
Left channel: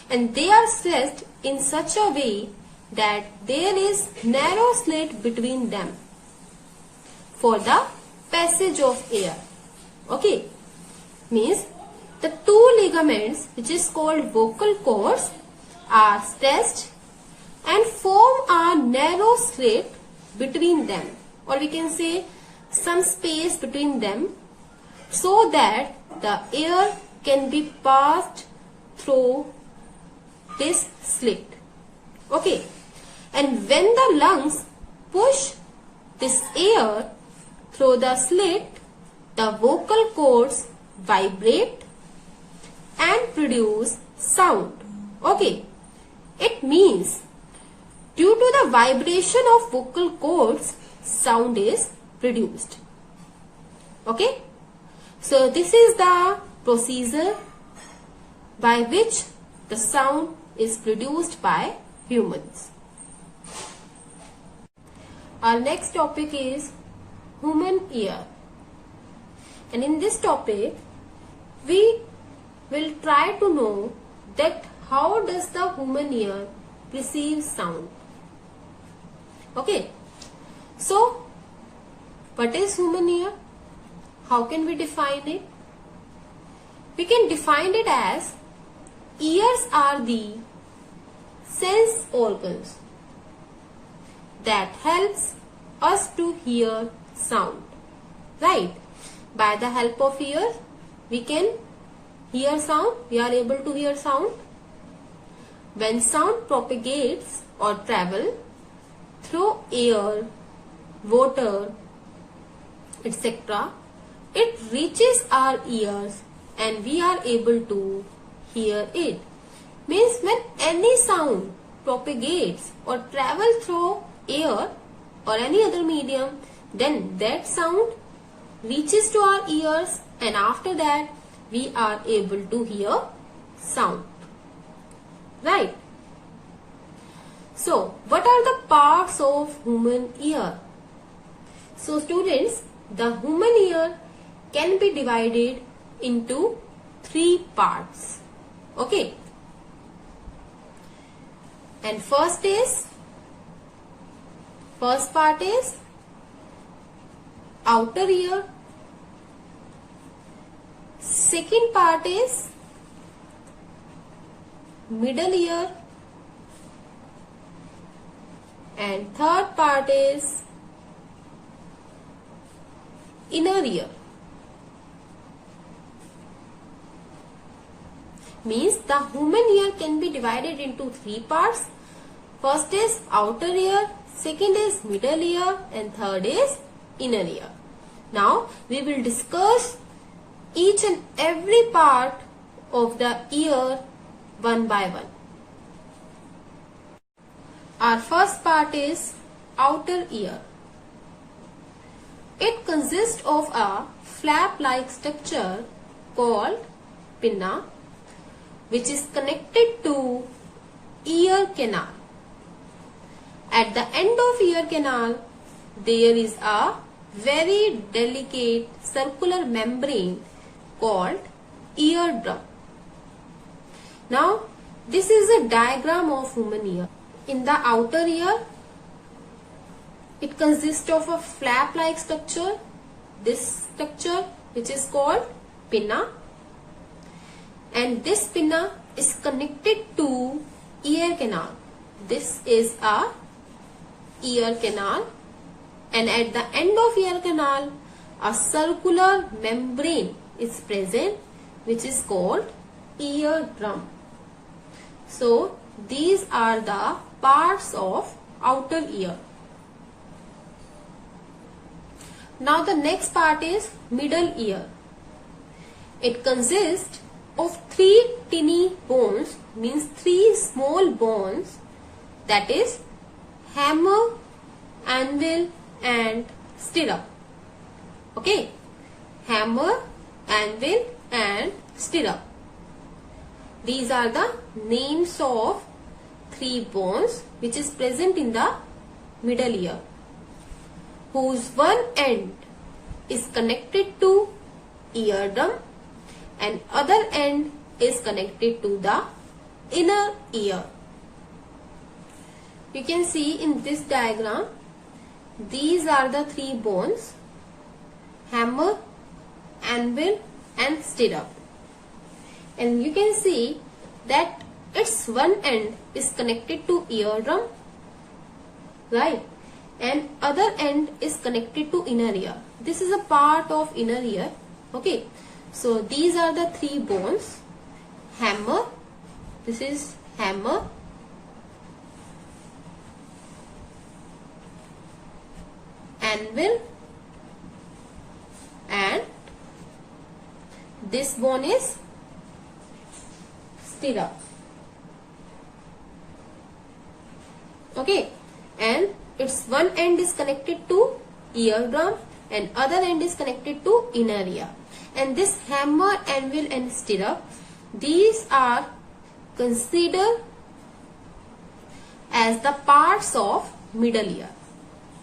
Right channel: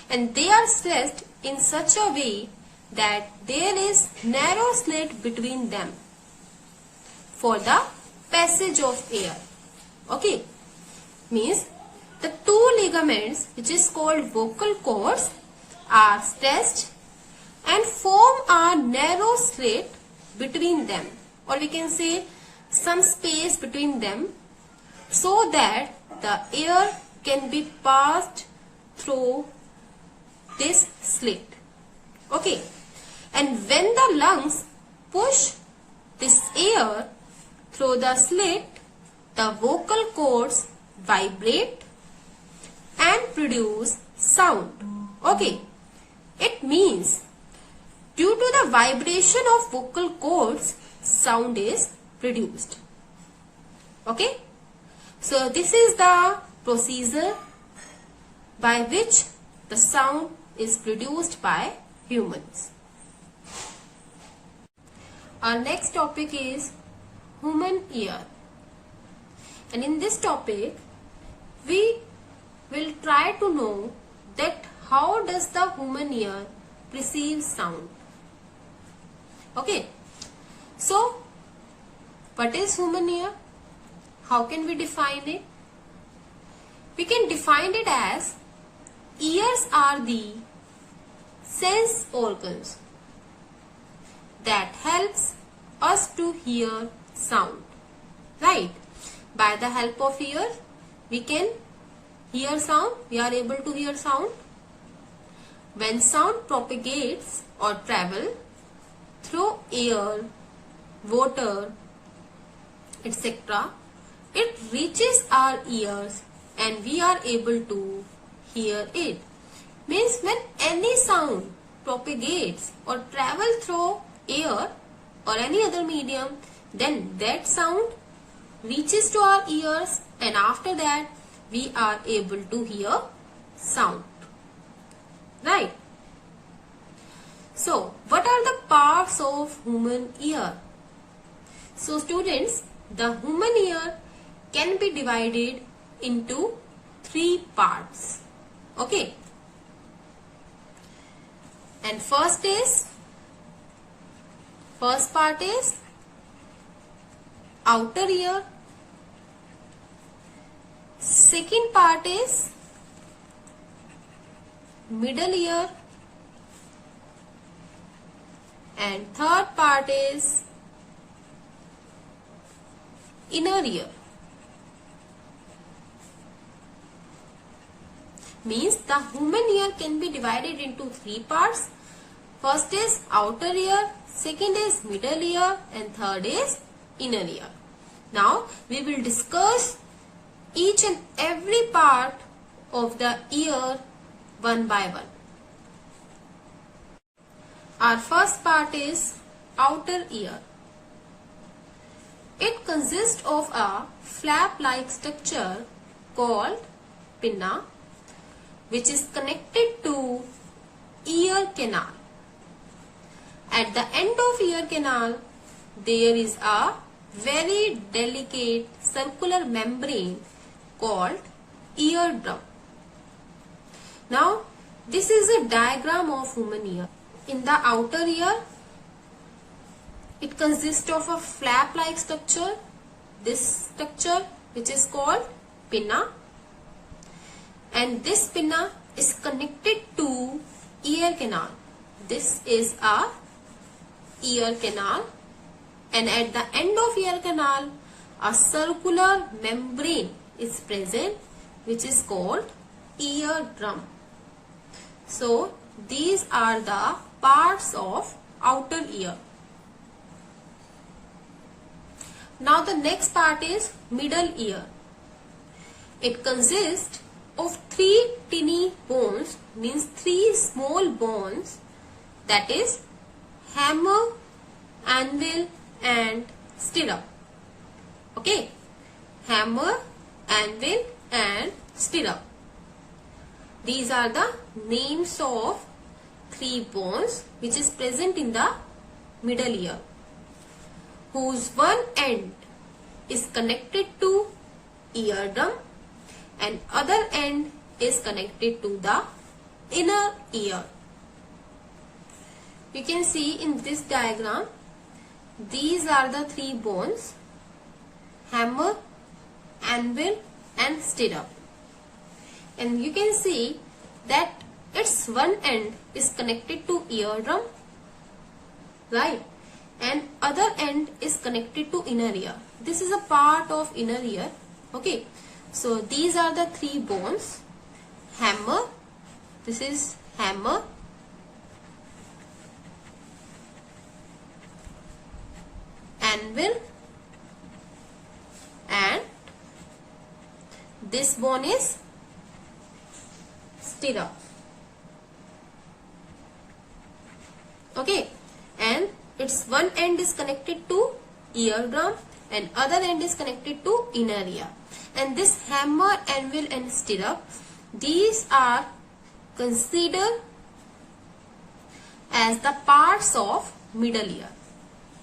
and they are stretched in such a way that there is narrow slit between them for the passage of air. Okay, means the two ligaments, which is called vocal cords, are stretched and form a narrow slit between them, or we can say some space between them, so that the air can be passed through this slit. Okay, and when the lungs push this air through the slit, the vocal cords vibrate and produce sound. Okay, it means due to the vibration of vocal cords, sound is produced. Okay, so this is the procedure by which the sound is produced by humans. Our next topic is human ear, and in this topic we will try to know that how does the human ear perceive sound. Okay, so what is human ear? How can we define it? We can define it as ears are the sense organs that helps us to hear sound, right? By the help of ear we can hear sound, we are able to hear sound. When sound propagates or travel through air, water, etc., it reaches our ears and we are able to hear it. Means when any sound propagates or travel through air or any other medium, then that sound reaches to our ears, and after that we are able to hear sound, right? So what are the parts of human ear? So students, the human ear can be divided into three parts. Okay, and first part is outer ear, second part is middle ear, and third part is inner ear. Means the human ear can be divided into three parts. First is outer ear, second is middle ear, and third is inner ear. Now we will discuss each and every part of the ear one by one. Our first part is outer ear. It consists of a flap-like structure called pinna, which is connected to ear canal. At the end of ear canal, there is a very delicate circular membrane called eardrum. Now, this is a diagram of human ear. In the outer ear, it consists of a flap-like structure. This structure, which is called pinna, and this pinna is connected to ear canal. This is a ear canal, and at the end of ear canal a circular membrane is present, which is called eardrum. So these are the parts of outer ear. Now the next part is middle ear. It consists of three tiny bones, means three small bones, that is hammer, anvil and stirrup. Okay, hammer, anvil and stirrup. These are the names of three bones which is present in the middle ear, whose one end is connected to eardrum and other end is connected to the inner ear. You can see in this diagram, these are the three bones: hammer, anvil and stirrup. And you can see that its one end is connected to eardrum, right, and other end is connected to inner ear. This is a part of inner ear. Okay, so these are the three bones: hammer, this is hammer, anvil, and this bone is stirrup. Okay, and its one end is connected to eardrum and other end is connected to inner ear. And this hammer, anvil and stirrup, these are considered as the parts of middle ear.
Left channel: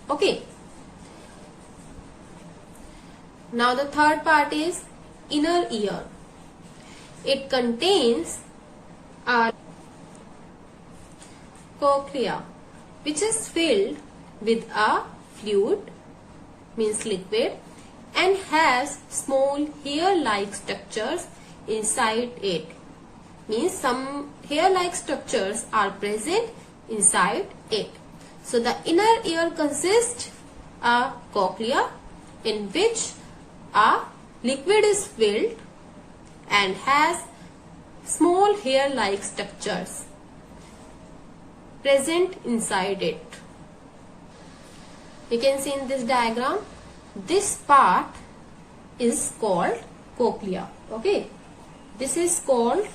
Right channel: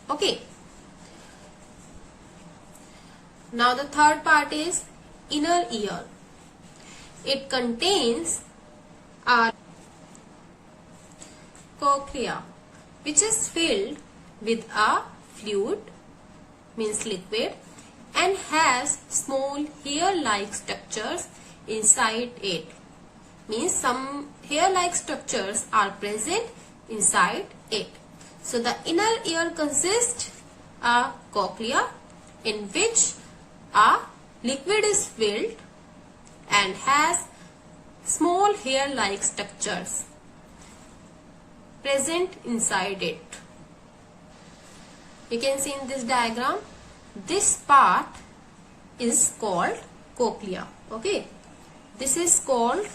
Okay. Now the third part is inner ear. It contains a cochlea, which is filled with a fluid, means liquid, and has small hair-like structures inside it. Means some hair-like structures are present inside it. So the inner ear consists a cochlea in which a liquid is filled and has small hair-like structures present inside it. You can see in this diagram, this part is called cochlea. Okay, this is called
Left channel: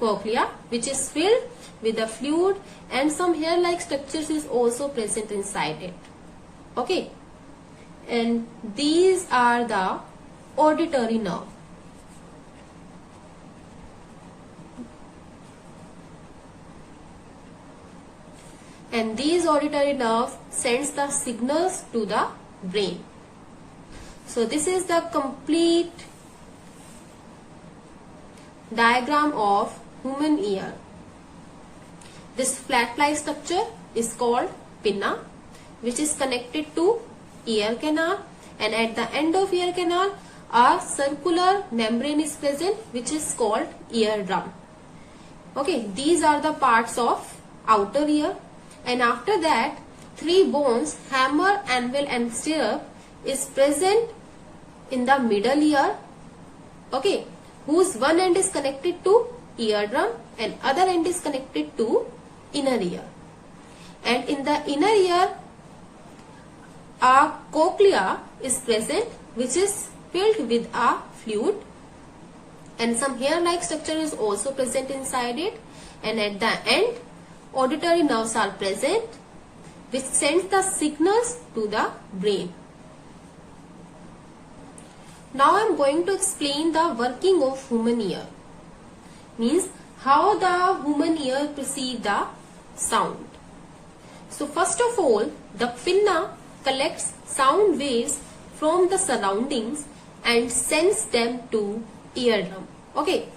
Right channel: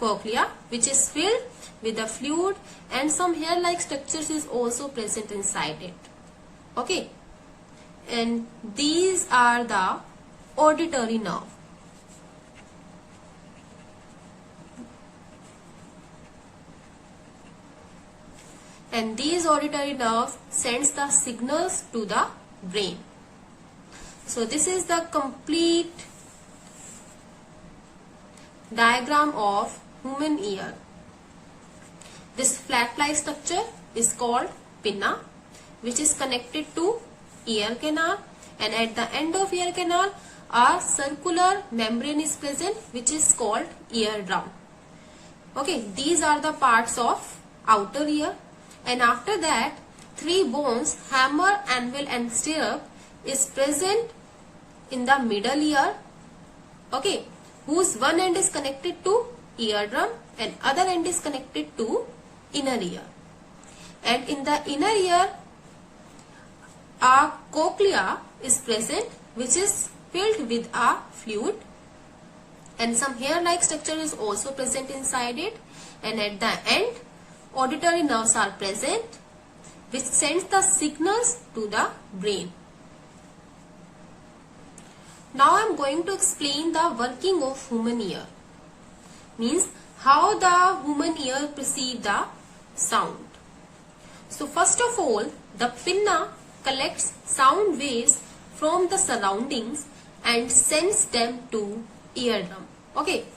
cochlea, which is filled with a fluid and some hair-like structures is also present inside it. Okay, and these are the auditory nerve. And these auditory nerve sends the signals to the brain. So this is the complete diagram of human ear. This flat-like structure is called pinna, which is connected to ear canal, and at the end of ear canal a circular membrane is present, which is called eardrum. Okay, these are the parts of outer ear. And after that, three bones, hammer, anvil and stirrup, is present in the middle ear, okay, whose one end is connected to eardrum and other end is connected to inner ear. And in the inner ear, a cochlea is present, which is filled with a fluid, and some hair-like structure is also present inside it. And at the end, auditory nerves are present, which sends the signals to the brain. Now I am going to explain the working of human ear. Means how the human ear perceives the sound. So first of all, the pinna collects sound waves from the surroundings and sends them to eardrum. Okay,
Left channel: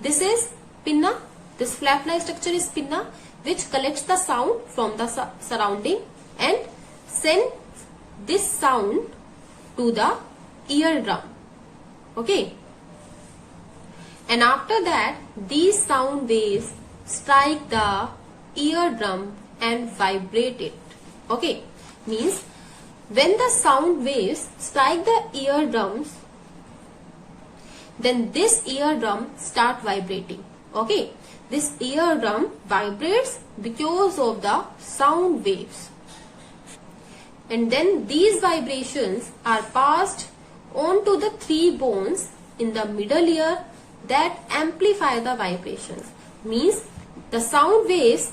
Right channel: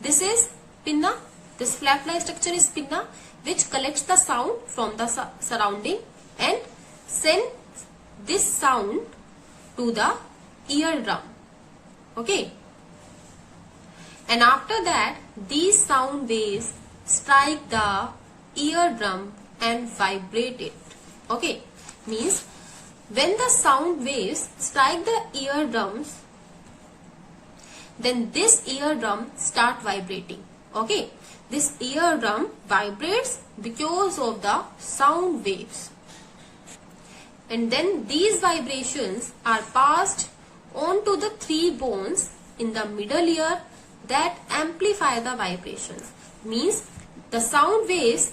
this is pinna. This flap-like structure is pinna, which collects the sound from the surrounding and sends this sound to the eardrum. Okay, and after that these sound waves strike the eardrum and vibrate it. Okay, means when the sound waves strike the eardrums, then this eardrum start vibrating. Okay, this eardrum vibrates because of the sound waves, and then these vibrations are passed on to the three bones in the middle ear that amplify the vibrations. Means the sound waves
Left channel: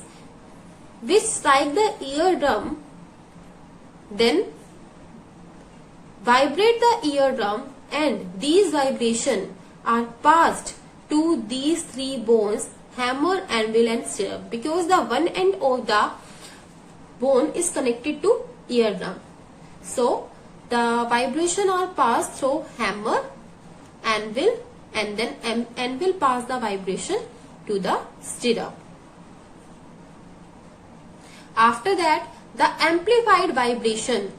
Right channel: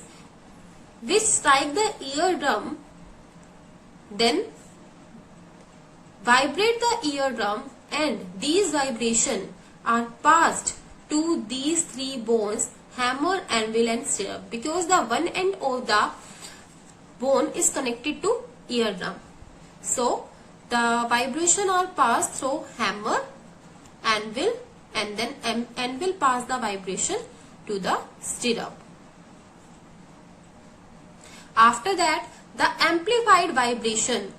which strike the eardrum then vibrate the eardrum, and these vibrations are passed to these three bones, hammer, anvil and stirrup, because the one end of the bone is connected to eardrum. So the vibration are passed through hammer, anvil, and then anvil pass the vibration to the stirrup. After that, the amplified vibration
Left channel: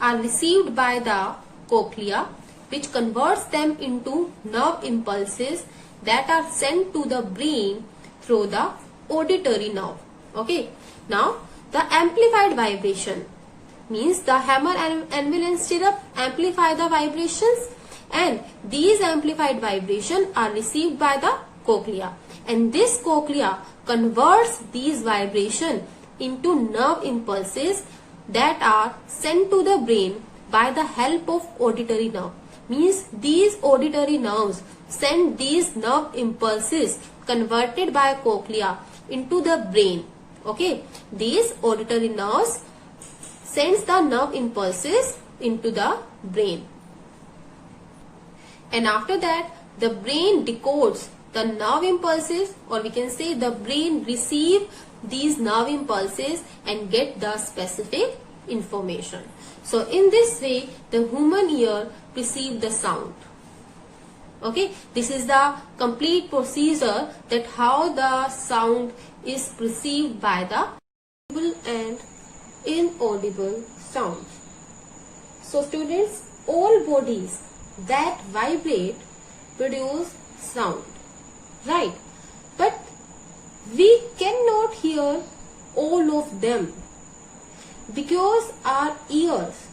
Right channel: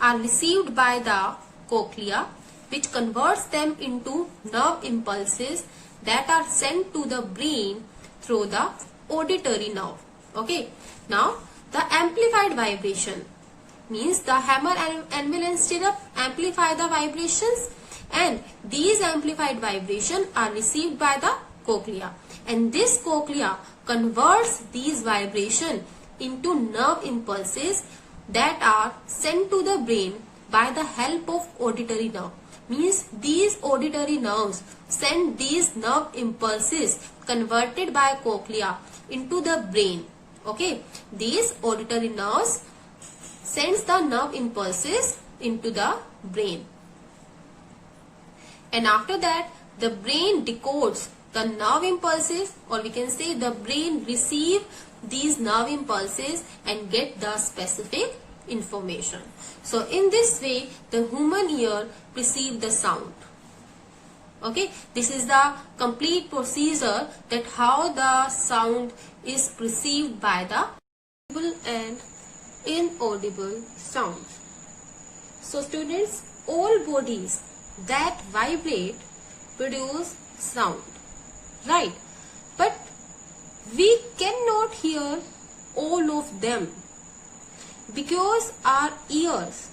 are received by the cochlea, which converts them into nerve impulses that are sent to the brain through the auditory nerve. Okay. Now, the amplified vibration means the hammer, anvil and stirrup amplify the vibrations, and these amplified vibrations are received by the cochlea, and this cochlea converts these vibrations into nerve impulses that are sent to the brain by the help of auditory nerve. Means these auditory nerves send these nerve impulses converted by cochlea into the brain. Okay, these auditory nerves sends the nerve impulses into the brain, and after that the brain decodes the nerve impulses, or we can say the brain receive these nerve impulses and get the specific information. So in this way the human ear perceive the sound. Okay, this is the complete procedure that how the sound is perceived by the audible and inaudible sounds. So students, all bodies that vibrate produce sound, right? But we cannot hear all of them because our ears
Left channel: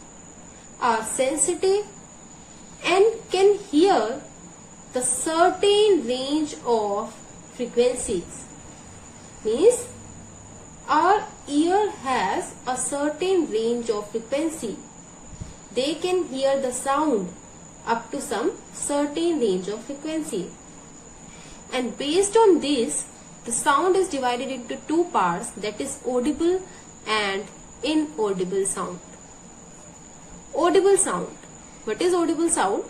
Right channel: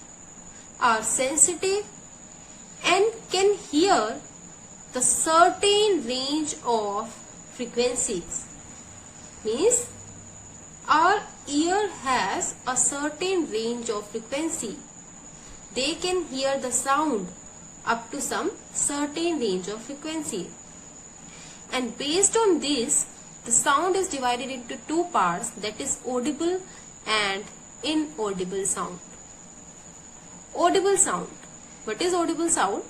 are sensitive and can hear the certain range of frequencies. Means our ear has a certain range of frequency. They can hear the sound up to some certain range of frequency, and based on this the sound is divided into two parts, that is audible and inaudible sound. Audible sound. What is audible sound?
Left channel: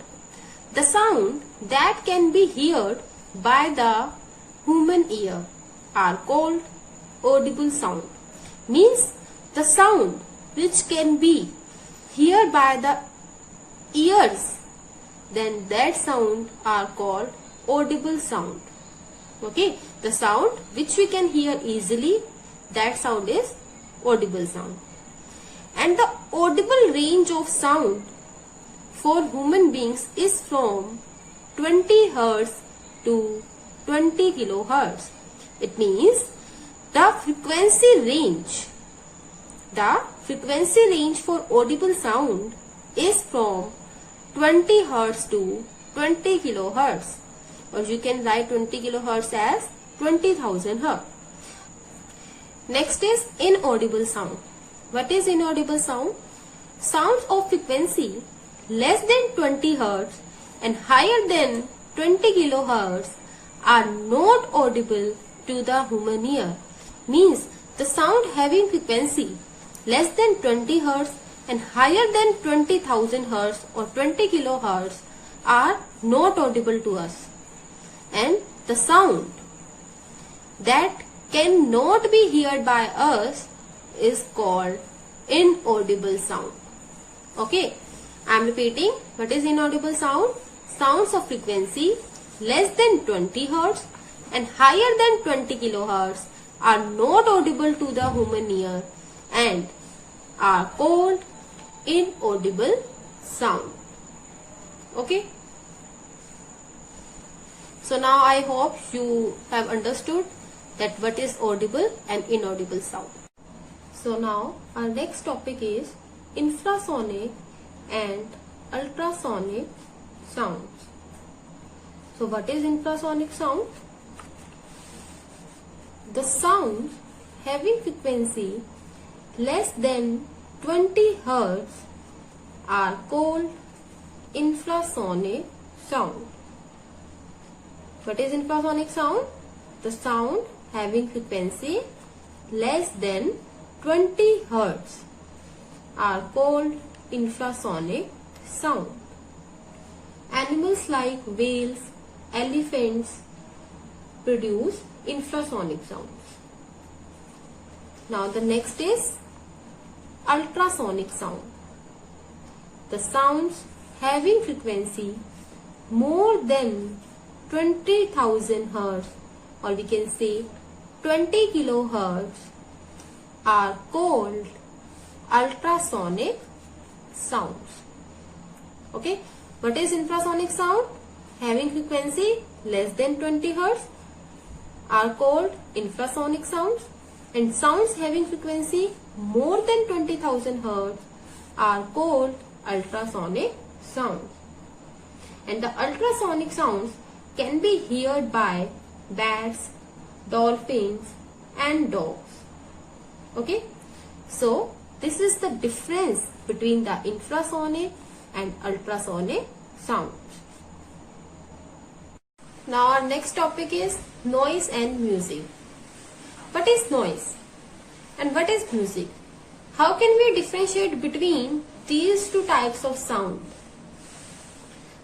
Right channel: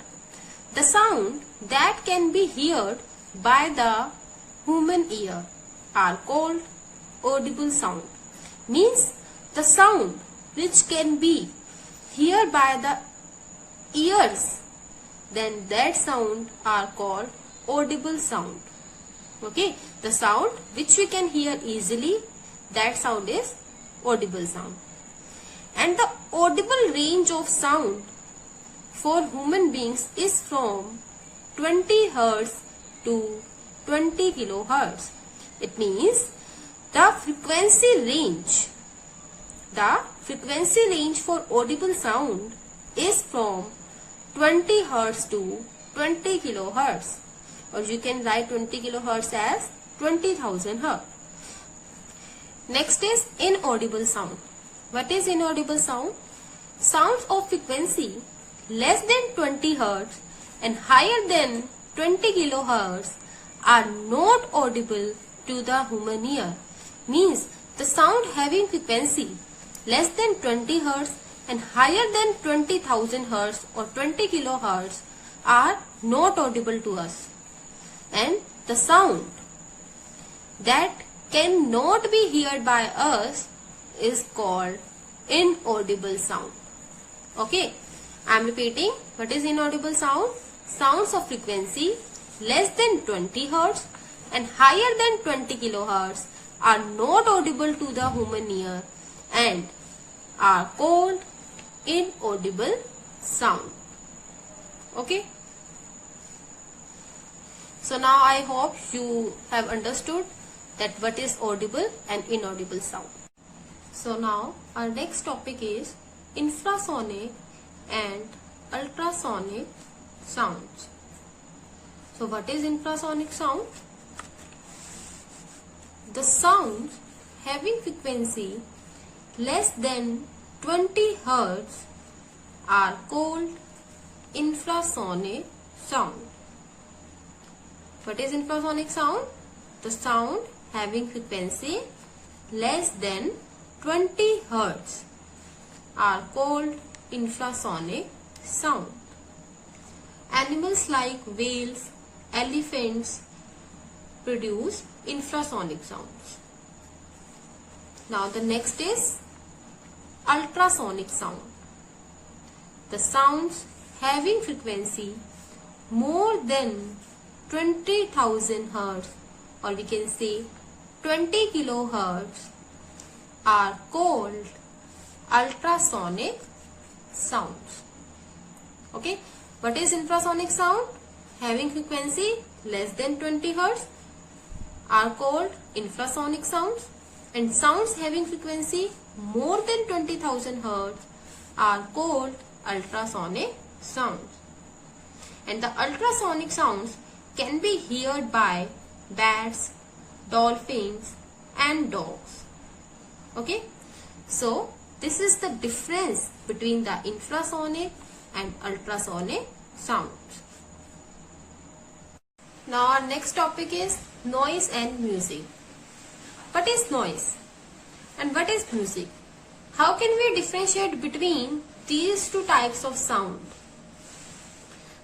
The sound that can be heard by the human ear are called audible sound. Means the sound which can be heard by the ears, then that sound are called audible sound. Okay, the sound which we can hear easily, that sound is audible sound. And the audible range of sound for human beings is from 20 Hz to 20 kHz. It means the frequency range for audible sound is from 20 Hz to 20 kHz, or you can write 20 kHz as 20,000 Hz. Next is inaudible sound. What is inaudible sound? Sounds of frequency less than 20 Hz and higher than 20 kHz are not audible to the human ear. Means the sound having frequency less than 20 Hz and higher than 20,000 Hz or 20 kHz are not audible to us. And the sound that cannot be heard by us is called inaudible sound. Okay, I am repeating. What is inaudible sound? Sounds of frequency less than 20 Hz and higher than 20 kHz are not audible to the human ear and are called inaudible sound. Okay. So now I hope you have understood that what is audible and inaudible sound. So now our next topic is infrasonic and ultrasonic sounds. So what is infrasonic sound? The sounds having frequency less than 20 Hz are called infrasonic sound. What is infrasonic sound? The sound having frequency less than 20 Hz are called infrasonic sound. Animals like whales, elephants produce infrasonic sounds. Now the next is ultrasonic sound. The sounds having frequency more than 20,000 hertz, or we can say 20 kilohertz, are called ultrasonic sounds. Okay, what is infrasonic sound? Having frequency less than 20 hertz are called infrasonic sounds, and sounds having frequency more than 20,000 hertz are called ultrasonic sounds. And the ultrasonic sounds can be heard by bats, dolphins and dogs. Okay, so this is the difference between the infrasonic and ultrasonic sounds. Now our next topic is noise and music. What is noise and what is music? How can we differentiate between these two types of sound?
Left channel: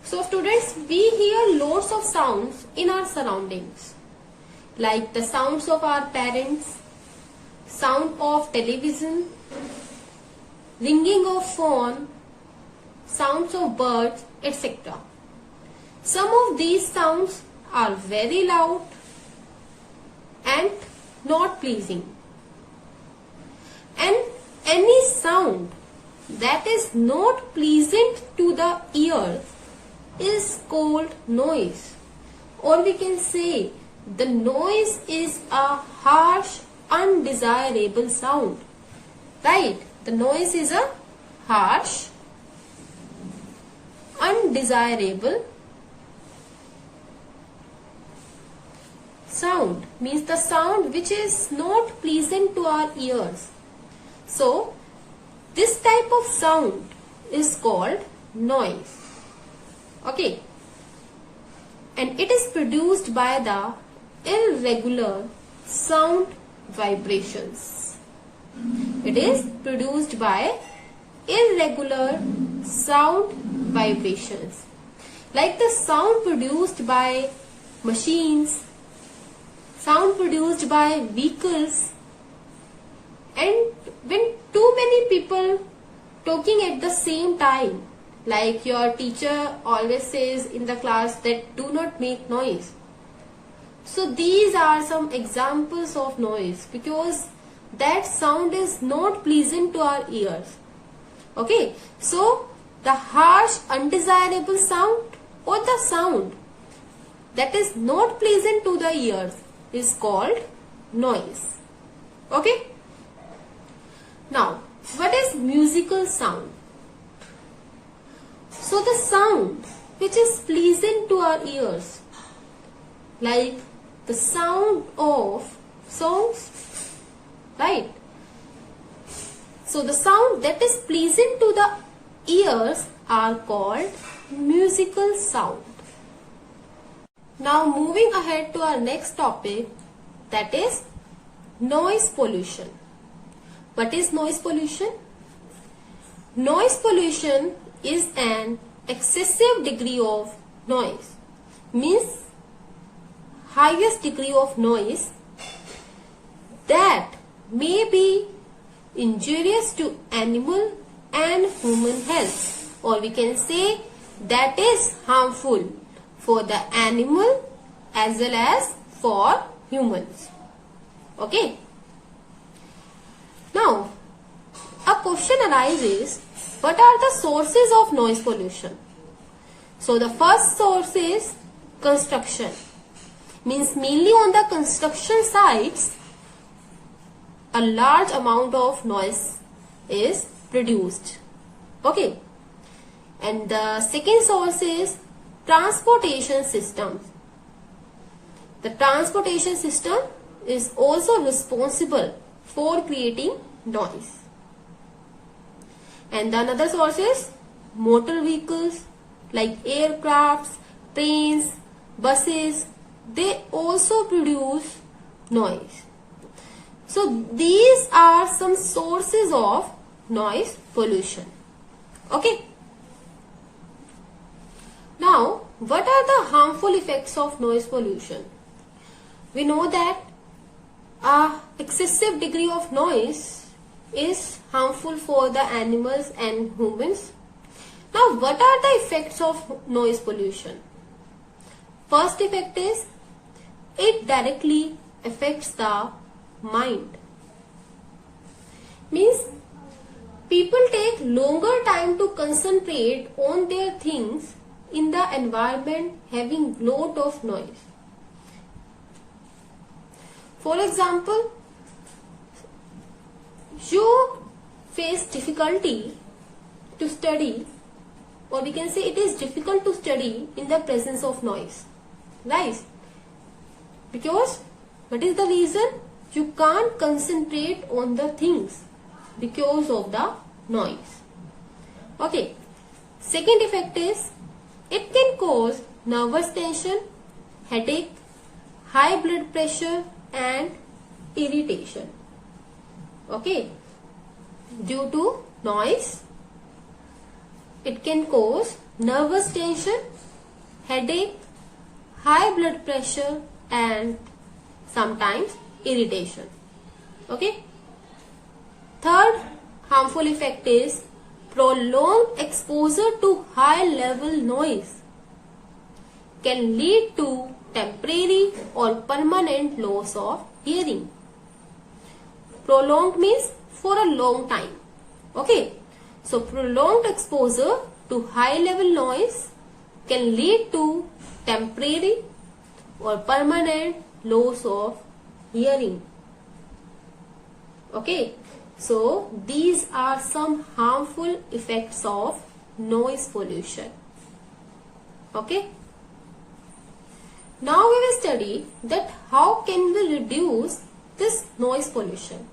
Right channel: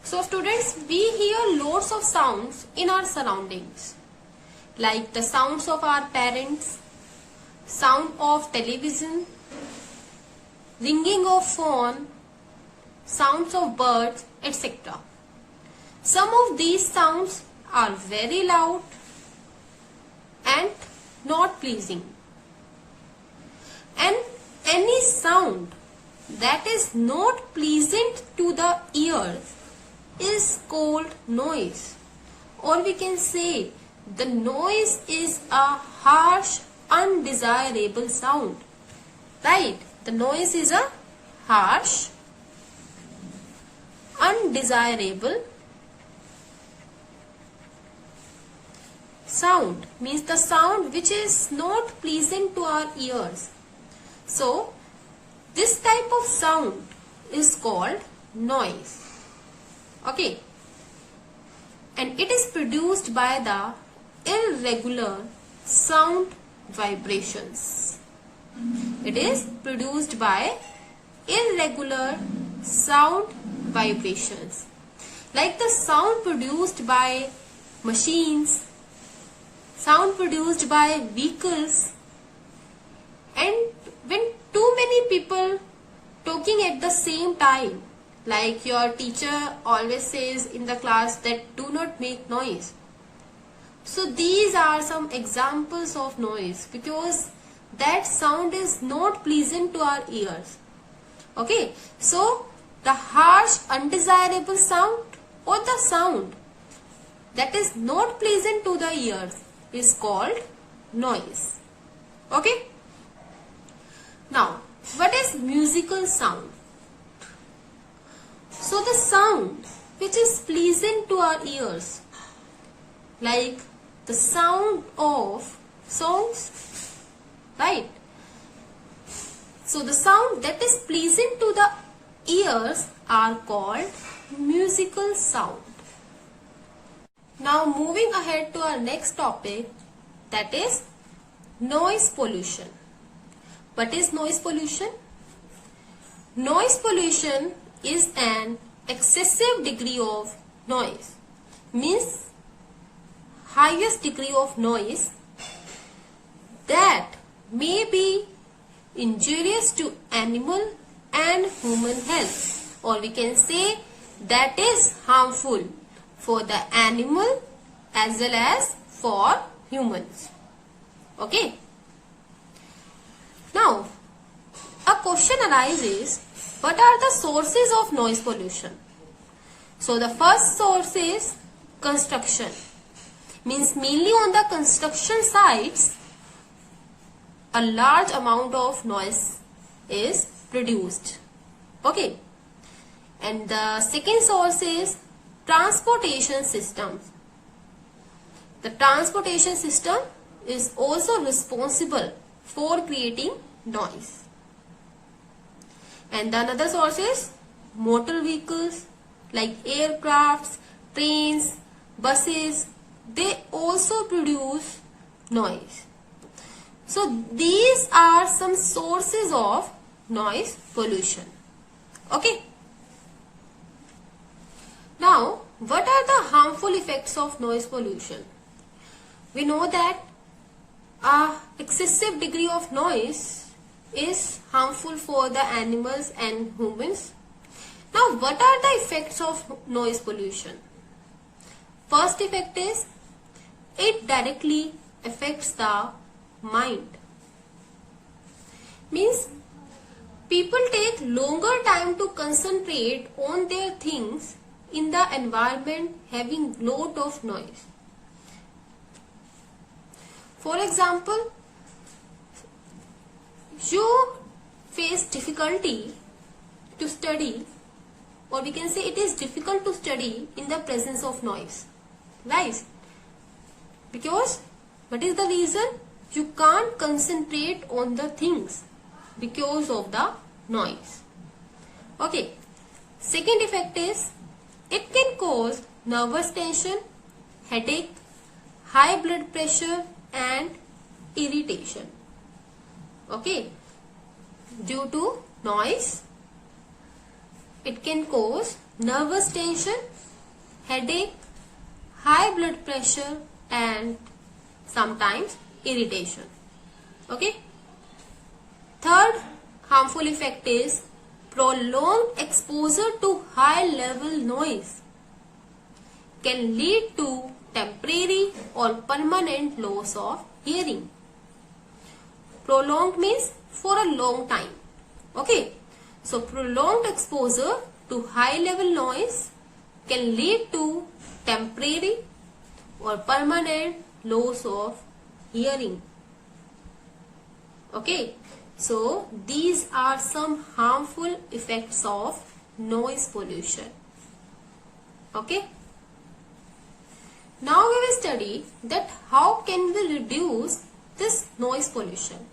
So students, we hear lots of sounds in our surroundings, like the sounds of our parents, sound of television, ringing of phone, sounds of birds, etc. Some of these sounds are very loud and not pleasing. And any sound that is not pleasant to the ears is called noise. Or we can say the noise is a harsh, undesirable sound. Right? The noise is a harsh, undesirable sound. Means the sound which is not pleasant to our ears. So, this type of sound is called noise. Okay. And it is produced by the irregular sound vibrations. It is produced by irregular sound vibrations. Like the sound produced by machines, sound produced by vehicles, and when too many people talking at the same time, like your teacher always says in the class that do not make noise. So these are some examples of noise, because that sound is not pleasant to our ears. Okay, so the harsh, undesirable sound or the sound that is not pleasant to the ears is called noise. Okay. Now, what is musical sound? So the sound which is pleasant to our ears, like the sound of songs, right? So the sound that is pleasant to the ears are called musical sound. Now moving ahead to our next topic, that is noise pollution. What is noise pollution? Noise pollution is an excessive degree of noise. Means highest degree of noise that may be injurious to animal and human health, or we can say that is harmful for the animal as well as for humans. Okay. Now, a question arises, what are the sources of noise pollution? So the first source is construction. Means mainly on the construction sites, a large amount of noise is produced. Okay. And the second source is transportation systems. The transportation system is also responsible for creating noise. And the another source is motor vehicles like aircrafts, trains, buses. They also produce noise. So these are some sources of noise pollution. Okay. Now, what are the harmful effects of noise pollution? We know that excessive degree of noise is harmful for the animals and humans. Now, what are the effects of noise pollution? First effect is it directly affects the mind. Means people take longer time to concentrate on their things in the environment having lot of noise. For example, जो face difficulty to study, or we can say it is difficult to study in the presence of noise, right? Because what is the reason? You can't concentrate on the things because of the noise. Okay. Second effect is it can cause nervous tension, headache, high blood pressure and irritation. Okay. Due to noise, it can cause nervous tension, headache, high blood pressure and sometimes irritation. Okay. Third harmful effect is prolonged exposure to high level noise can lead to temporary or permanent loss of hearing. Prolonged means for a long time. Okay. So prolonged exposure to high level noise can lead to temporary or permanent loss of hearing. Okay. So these are some harmful effects of noise pollution. Okay. Now we will study that how can we reduce this noise pollution.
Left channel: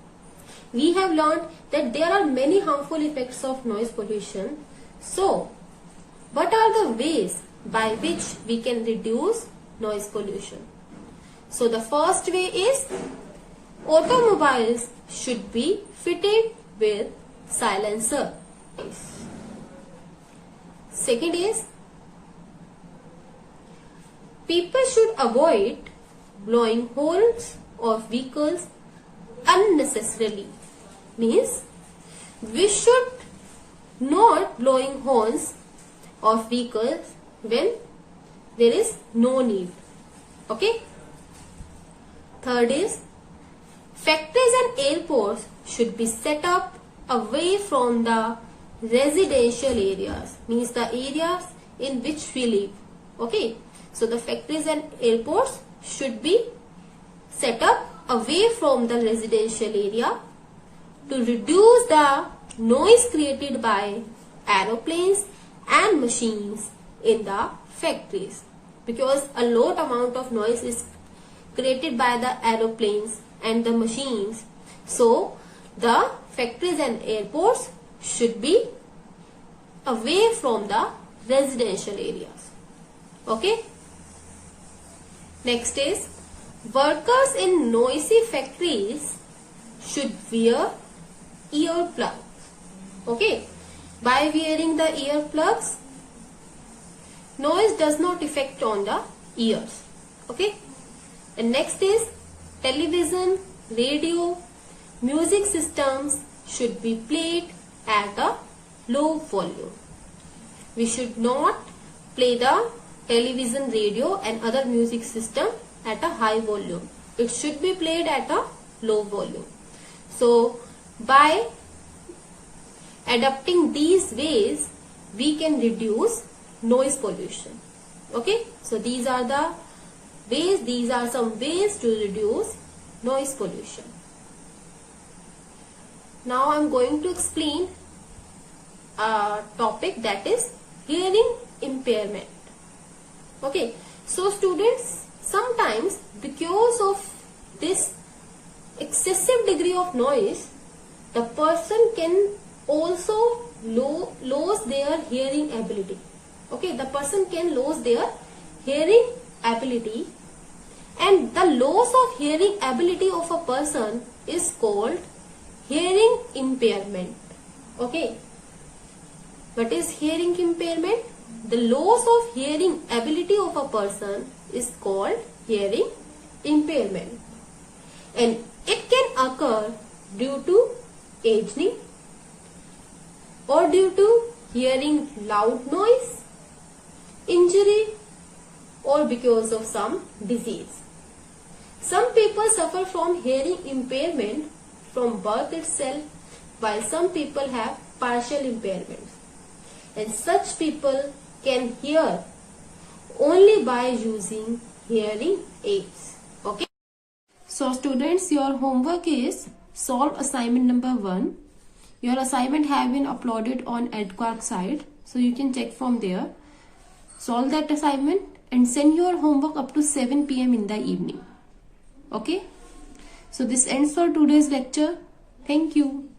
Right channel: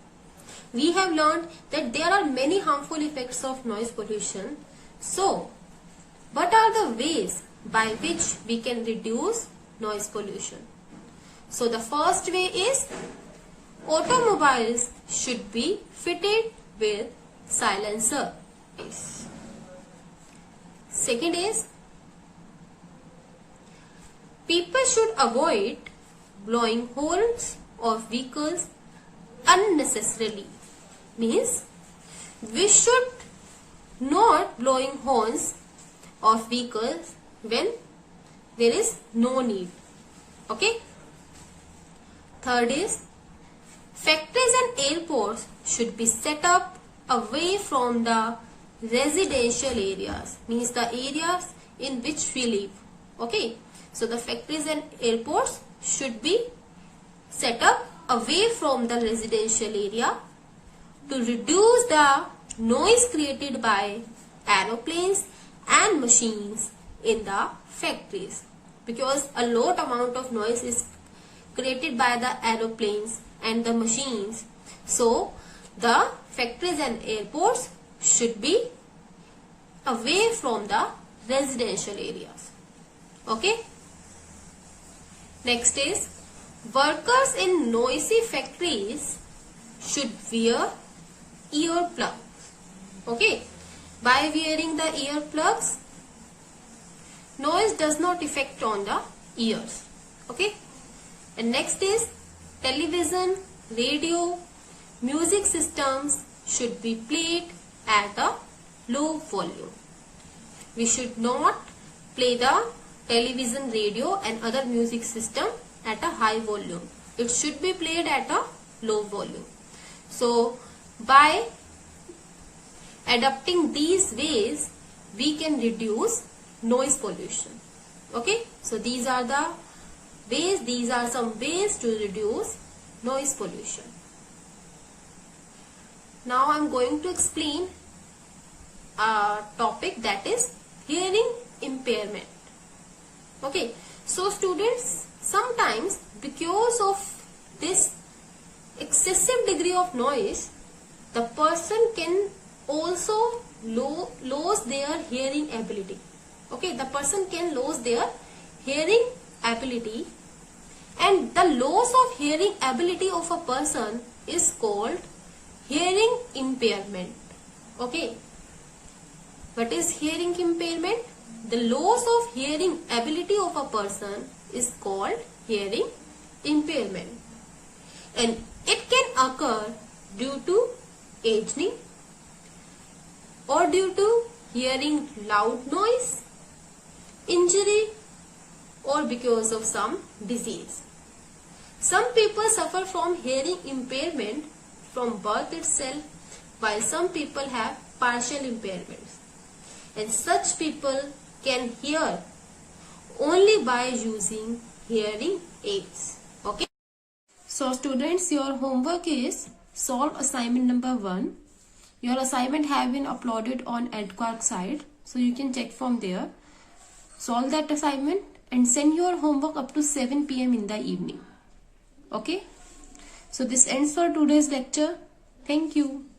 We have learned that there are many harmful effects of noise pollution. So, what are the ways by which we can reduce noise pollution? So, the first way is automobiles should be fitted with silencer. Second is people should avoid blowing horns of vehicles unnecessarily. Means we should not blowing horns of vehicles when there is no need. Okay. Third is factories and airports should be set up away from the residential areas. Means the areas in which we live. Okay. So the factories and airports should be set up away from the residential area to reduce the noise created by aeroplanes and machines in the factories, because a lot amount of noise is created by the aeroplanes and the machines. So the factories and airports should be away from the residential areas. Okay. Next is workers in noisy factories should wear earplugs. Okay. By wearing the earplugs, noise does not affect on the ears. Okay. And next is television, radio, music systems should be played at a low volume. We should not play the television, radio and other music system at a high volume. It should be played at a low volume. So by adopting these ways, we can reduce noise pollution. Okay. So these are the ways, these are some ways to reduce noise pollution. Now I am going to explain a topic, that is hearing impairment. Okay. So students, sometimes because of this excessive degree of noise, the person can also lose their hearing ability. Okay, the person can lose their hearing ability, and the loss of hearing ability of a person is called hearing impairment. Okay, what is hearing impairment? The loss of hearing ability of a person is called hearing impairment, and it can occur due to aging, or due to hearing loud noise, injury, or because of some disease. Some people suffer from hearing impairment from birth itself, while some people have partial impairments. And such people can hear only by using hearing aids. Okay. So students, your homework is solve assignment number 1. Your assignment have been uploaded on EdQuack site, so you can check from there. Solve that assignment and send your homework up to 7 p.m. in the evening. Okay. So this ends for today's lecture. Thank you.